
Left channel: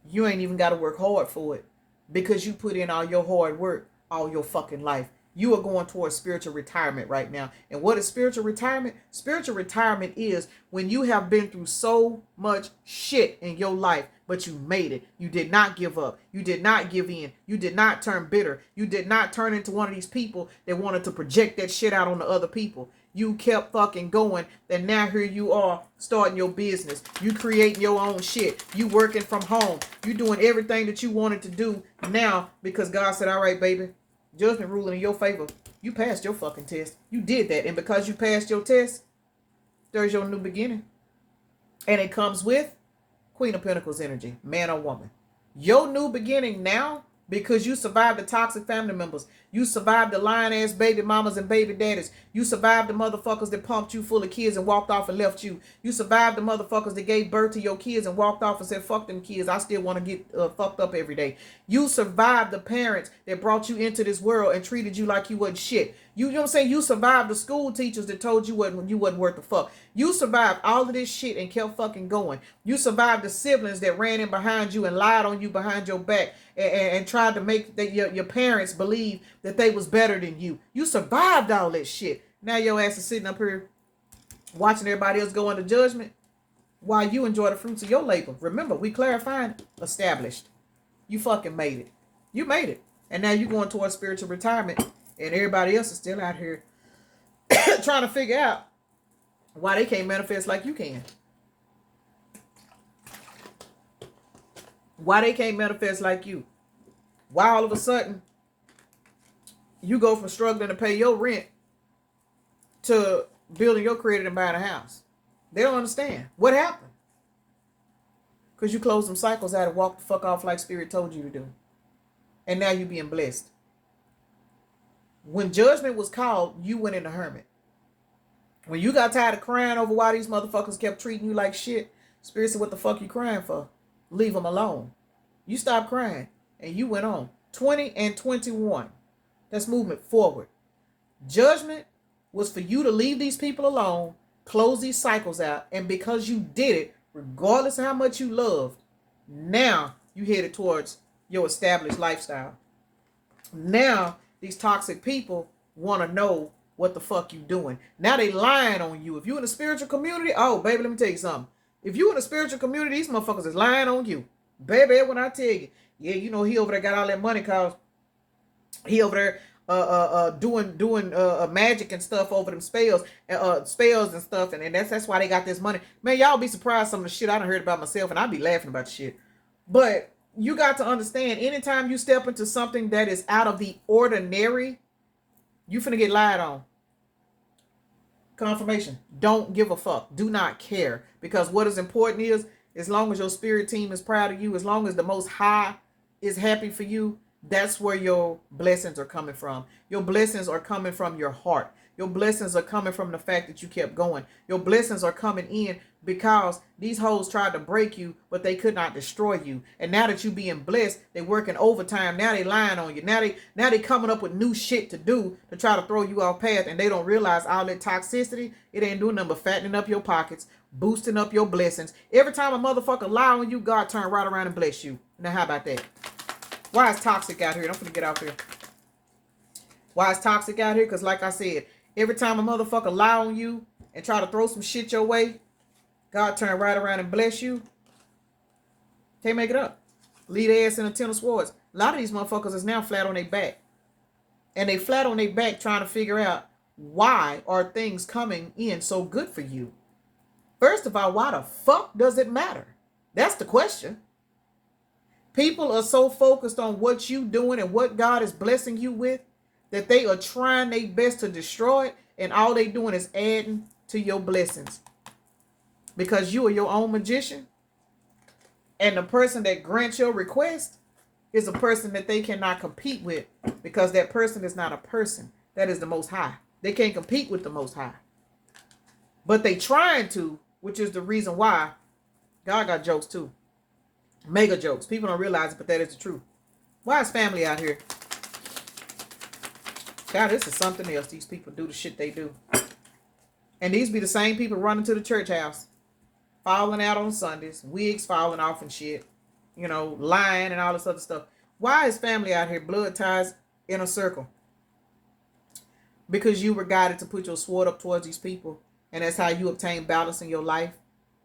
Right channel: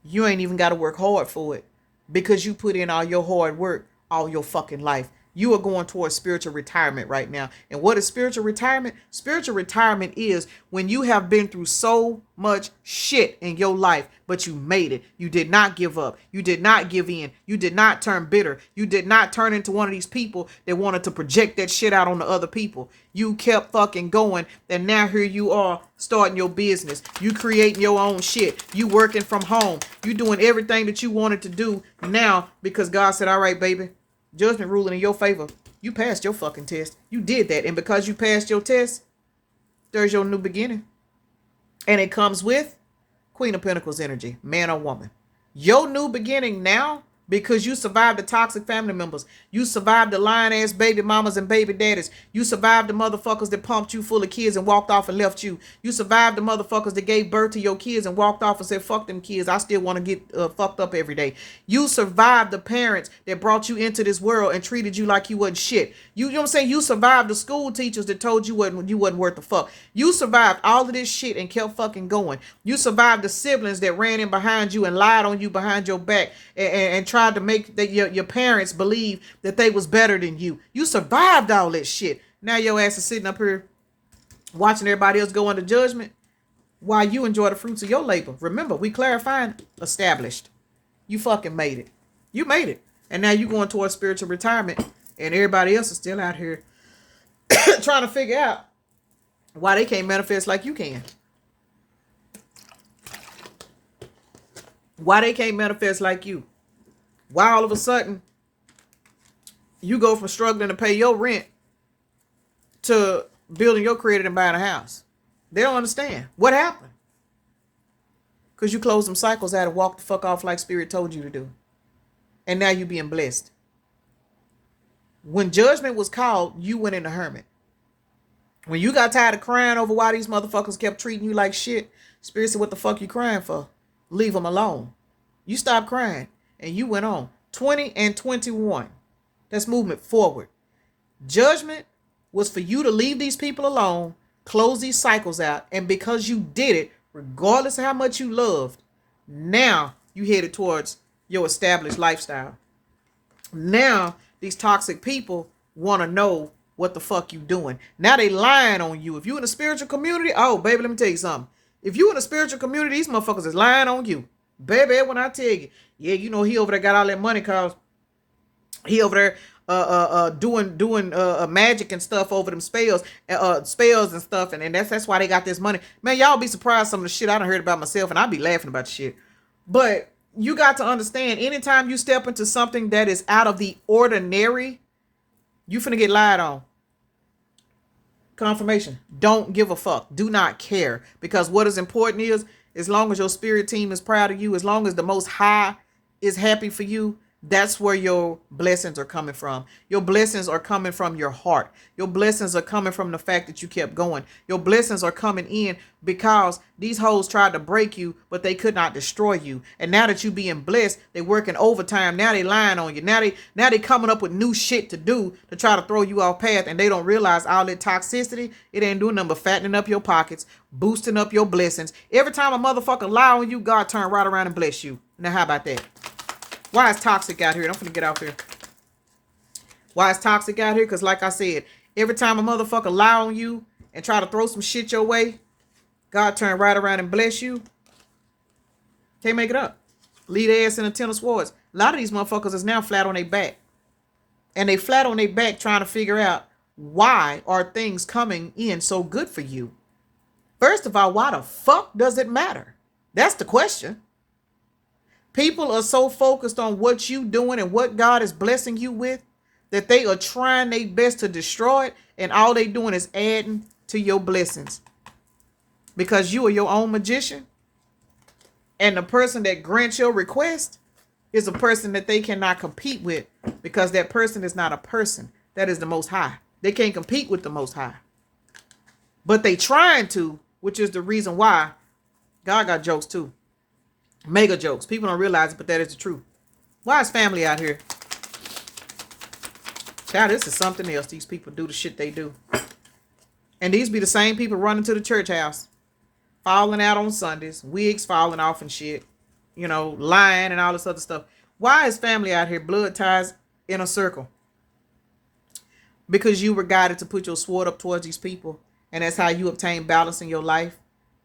You ain't even got to work hard for it, because you put in all your hard work all your fucking life. You are going towards spiritual retirement right now. And what is spiritual retirement? Spiritual retirement is when you have been through so much shit in your life, but you made it. You did not give up. You did not give in. You did not turn bitter. You did not turn into one of these people that wanted to project that shit out on the other people. You kept fucking going, and now here you are starting your business. You creating your own shit. You working from home. You doing everything that you wanted to do now because God said, all right, baby, judgment ruling in your favor. You passed your fucking test. You did that. And because you passed your test, there's your new beginning. And it comes with Queen of Pentacles energy, man or woman. Your new beginning now, because you survived the toxic family members. You survived the lying ass baby mamas and baby daddies. You survived the motherfuckers that pumped you full of kids and walked off and left you. You survived the motherfuckers that gave birth to your kids and walked off and said, fuck them kids. I still want to get fucked up every day. You survived the parents that brought you into this world and treated you like you wasn't shit. You know what I'm saying? You survived the school teachers that told you wasn't worth the fuck. You survived all of this shit and kept fucking going. You survived the siblings that ran in behind you and lied on you behind your back and tried to make your parents believe that they was better than you. You survived all that shit. Now your ass is sitting up here watching everybody else go under judgment while you enjoy the fruits of your labor. Remember, we clarifying established. You fucking made it. You made it. And now you going towards spiritual retirement. And everybody else is still out here trying to figure out why they can't manifest like you can. Why they can't manifest like you. Why all of a sudden you go from struggling to pay your rent to building your credit and buying a house. They don't understand. What happened? Because you closed them cycles out and walked the fuck off like Spirit told you to do. And now you being blessed. When judgment was called, you went in a hermit. When you got tired of crying over why these motherfuckers kept treating you like shit, Spirit said, what the fuck you crying for? Leave them alone. You stopped crying and you went on. 20 and 21. That's movement forward. Judgment was for you to leave these people alone, close these cycles out, and because you did it, regardless of how much you loved, now you headed towards your established lifestyle. Now these toxic people want to know what the fuck you doing. Now they lying on you. If you in a spiritual community, oh baby, let me tell you something. If you in a spiritual community, these motherfuckers is lying on you. Baby, when I tell you, yeah, you know, he over there got all that money cause he over there doing magic and stuff over them spells and stuff, and that's why they got this money. Man, y'all be surprised some of the shit I done heard about myself, and I be laughing about the shit. But you got to understand, anytime you step into something that is out of the ordinary, you finna get lied on. Confirmation. Don't give a fuck. Do not care. Because what is important is, as long as your spirit team is proud of you, as long as the Most High is happy for you, that's where your blessings are coming from. Your blessings are coming from your heart. Your blessings are coming from the fact that you kept going. Your blessings are coming in because these hoes tried to break you, but they could not destroy you. And now that you being blessed, they working overtime. Now they lying on you. Now they coming up with new shit to do to try to throw you off path. And they don't realize all that toxicity, it ain't doing nothing but fattening up your pockets, boosting up your blessings. Every time a motherfucker lie on you, God turn right around and bless you. Now how about that? Why is toxic out here? I'm finna get out here. Why is toxic out here? Because like I said, every time a motherfucker lie on you and try to throw some shit your way, God turn right around and bless you. Can't make it up. Lead ass in a 10 of swords. A lot of these motherfuckers is now flat on their back. And they flat on their back trying to figure out, why are things coming in so good for you? First of all, why the fuck does it matter? That's the question. People are so focused on what you doing and what God is blessing you with that they are trying their best to destroy it, and all they doing is adding to your blessings. Because you are your own magician, and the person that grants your request is a person that they cannot compete with, because that person is not a person. That is the Most High. They can't compete with the Most High. But they trying to, which is the reason why God got jokes too. Mega jokes. People don't realize it, but that is the truth. Why is family out here? God, this is something else. These people do the shit they do. And these be the same people running to the church house, falling out on Sundays, wigs falling off and shit, you know, lying and all this other stuff. Why is family out here? Blood ties in a circle. because you were guided to put your sword up towards these people, and that's how you obtain balance in your life,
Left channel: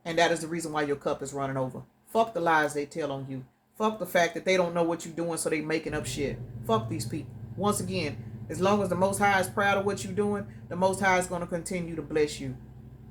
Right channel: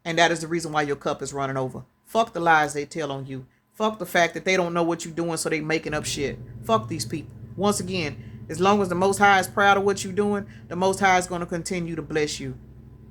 and that is the reason why your cup is running over. Fuck the lies they tell on you. Fuck the fact that they don't know what you're doing, so they making up shit. Fuck these people. Once again, as long as the Most High is proud of what you're doing, the Most High is going to continue to bless you.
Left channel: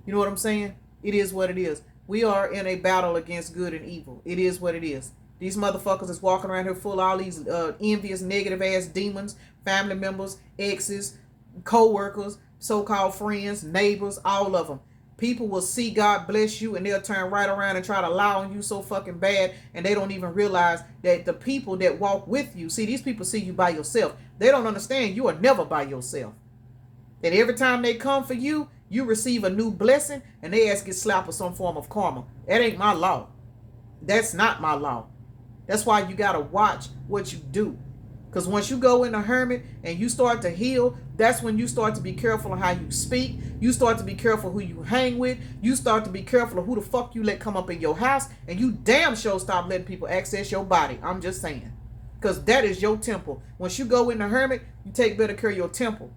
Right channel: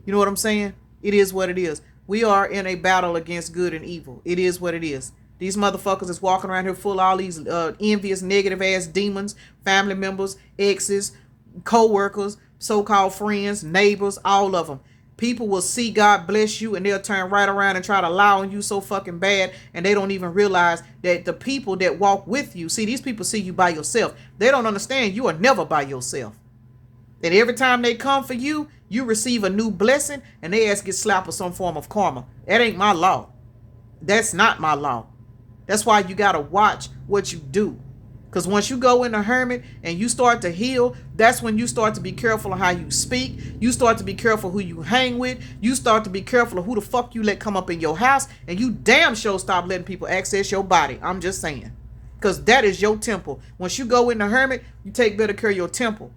You know what I'm saying? It is what it is. We are in a battle against good and evil. It is what it is. These motherfuckers is walking around here full of all these envious, negative ass demons, family members, exes, co-workers, so-called friends, neighbors, all of them. People will see God bless you and they'll turn right around and try to lie on you so fucking bad, and they don't even realize that the people that walk with you, see, these people see you by yourself. They don't understand you are never by yourself. That every time they come for you, you receive a new blessing and they ask get slapped with some form of karma. That ain't my law. That's not my law. That's why you got to watch what you do. Because once you go in a hermit and you start to heal, that's when you start to be careful of how you speak. You start to be careful who you hang with. You start to be careful of who the fuck you let come up in your house. And you damn sure stop letting people access your body. I'm just saying. Because that is your temple. Once you go in the hermit, you take better care of your temple.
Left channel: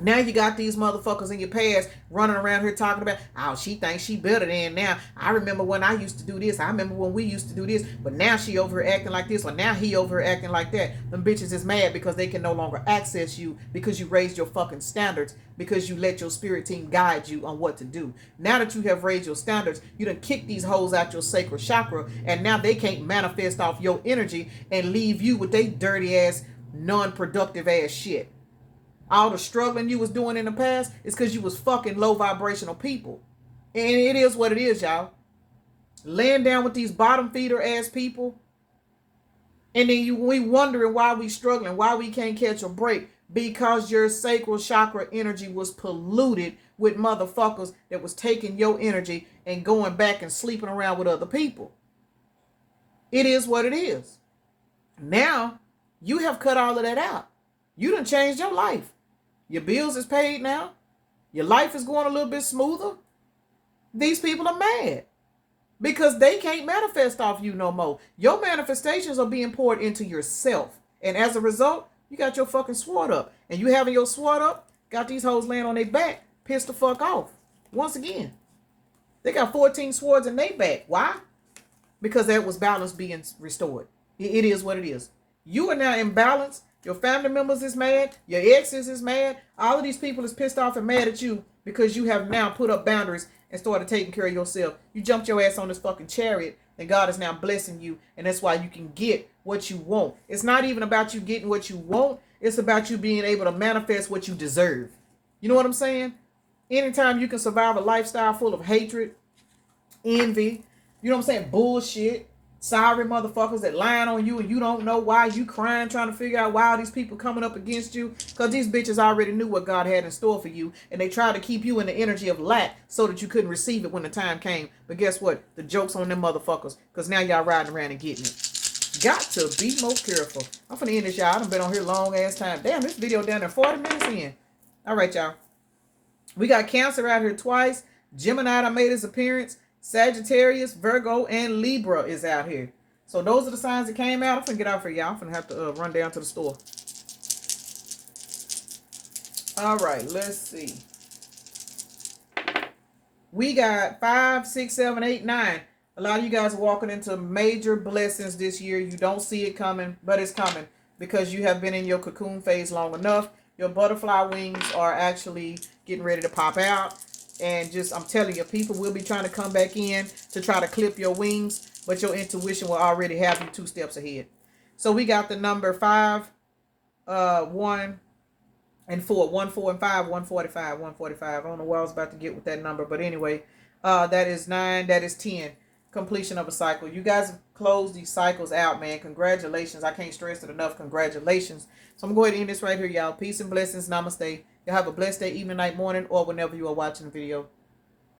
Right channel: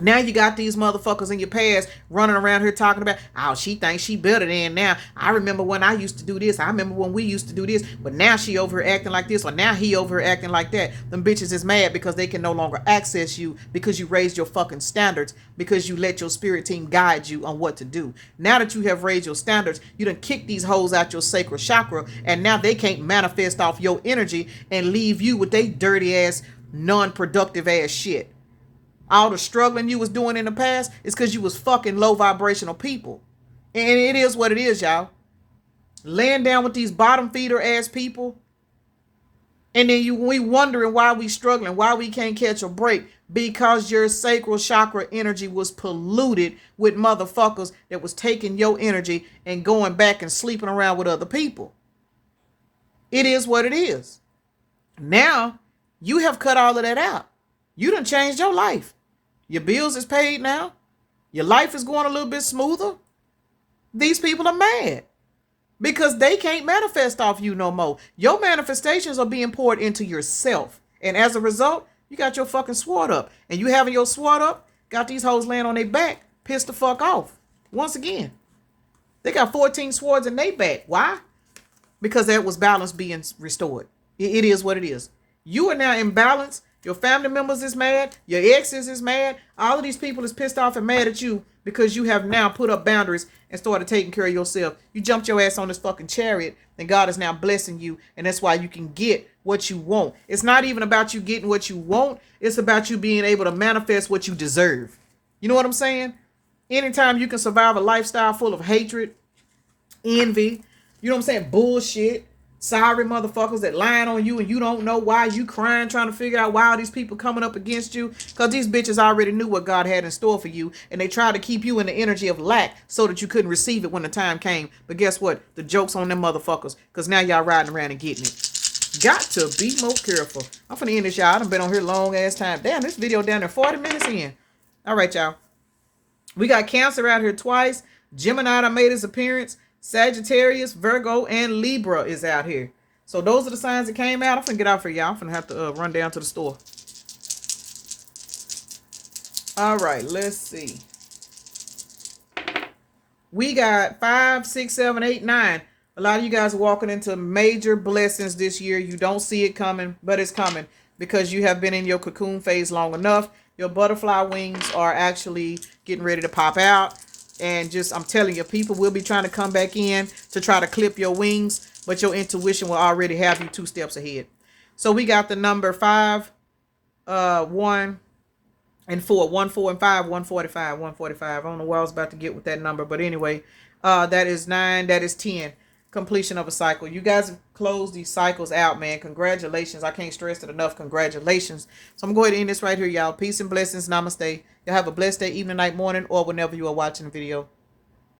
Now you got these motherfuckers in your past running around here talking about, oh, she thinks she better than now. I remember when I used to do this. I remember when we used to do this. But now she over here acting like this, or now he over here acting like that. Them bitches is mad because they can no longer access you because you raised your fucking standards, because you let your spirit team guide you on what to do. Now that you have raised your standards, you done kick these hoes out your sacral chakra, and now they can't manifest off your energy and leave you with they dirty ass, non-productive ass shit. All the struggling you was doing in the past is because you was fucking low vibrational people. And it is what it is, y'all. Laying down with these bottom feeder ass people. And then we wondering why we struggling, why we can't catch a break. Because your sacral chakra energy was polluted with motherfuckers that was taking your energy and going back and sleeping around with other people. It is what it is. Now, you have cut all of that out. You done changed your life. Your bills is paid now. Your life is going a little bit smoother. These people are mad because they can't manifest off you no more. Your manifestations are being poured into yourself. And as a result, you got your fucking sword up. And you having your sword up, got these hoes laying on their back, pissed the fuck off. Once again, they got 14 swords in their back. Why? Because that was balance being restored. It is what it is. You are now in balance. Your family members is mad. Your exes is mad. All of these people is pissed off and mad at you because you have now put up boundaries and started taking care of yourself. You jumped your ass on this fucking chariot and God is now blessing you. And that's why you can get what you want. It's not even about you getting what you want. It's about you being able to manifest what you deserve. You know what I'm saying? Anytime you can survive a lifestyle full of hatred, envy, you know what I'm saying? Bullshit. Sorry motherfuckers that lying on you and you don't know why. You crying trying to figure out why all these people coming up against you, because these bitches already knew what God had in store for you, and they tried to keep you in the energy of lack so that you couldn't receive it when the time came. But guess what? The joke's on them motherfuckers, because now y'all riding around and getting it. Got to be more careful. I'm finna end this, y'all. I done been on here long ass time. Damn, this video down there 40 minutes in. All right, y'all. We got Cancer out here twice. Gemini done made his appearance. Sagittarius, Virgo, and Libra is out here. So those are the signs that came out. I'm finna get out for y'all. I'm finna have to run down to the store. All right, let's see. We got 5, 6, 7, 8, 9. A lot of you guys are walking into major blessings this year. You don't see it coming, but it's coming because you have been in your cocoon phase long enough. Your butterfly wings are actually getting ready to pop out. And just, I'm telling you, people will be trying to come back in to try to clip your wings, but your intuition will already have you 2 steps ahead. So we got the number 5, 1, and 4. 1, 4, and 5, 145, 145. I don't know where I was about to get with that number, but anyway, that is 9, that is 10. Completion of a cycle. You guys have closed these cycles out, man. Congratulations. I can't stress it enough. Congratulations. So I'm going to end this right here, y'all. Peace and blessings. Namaste. Y'all have a blessed day, evening, night, morning, or whenever you are watching the video.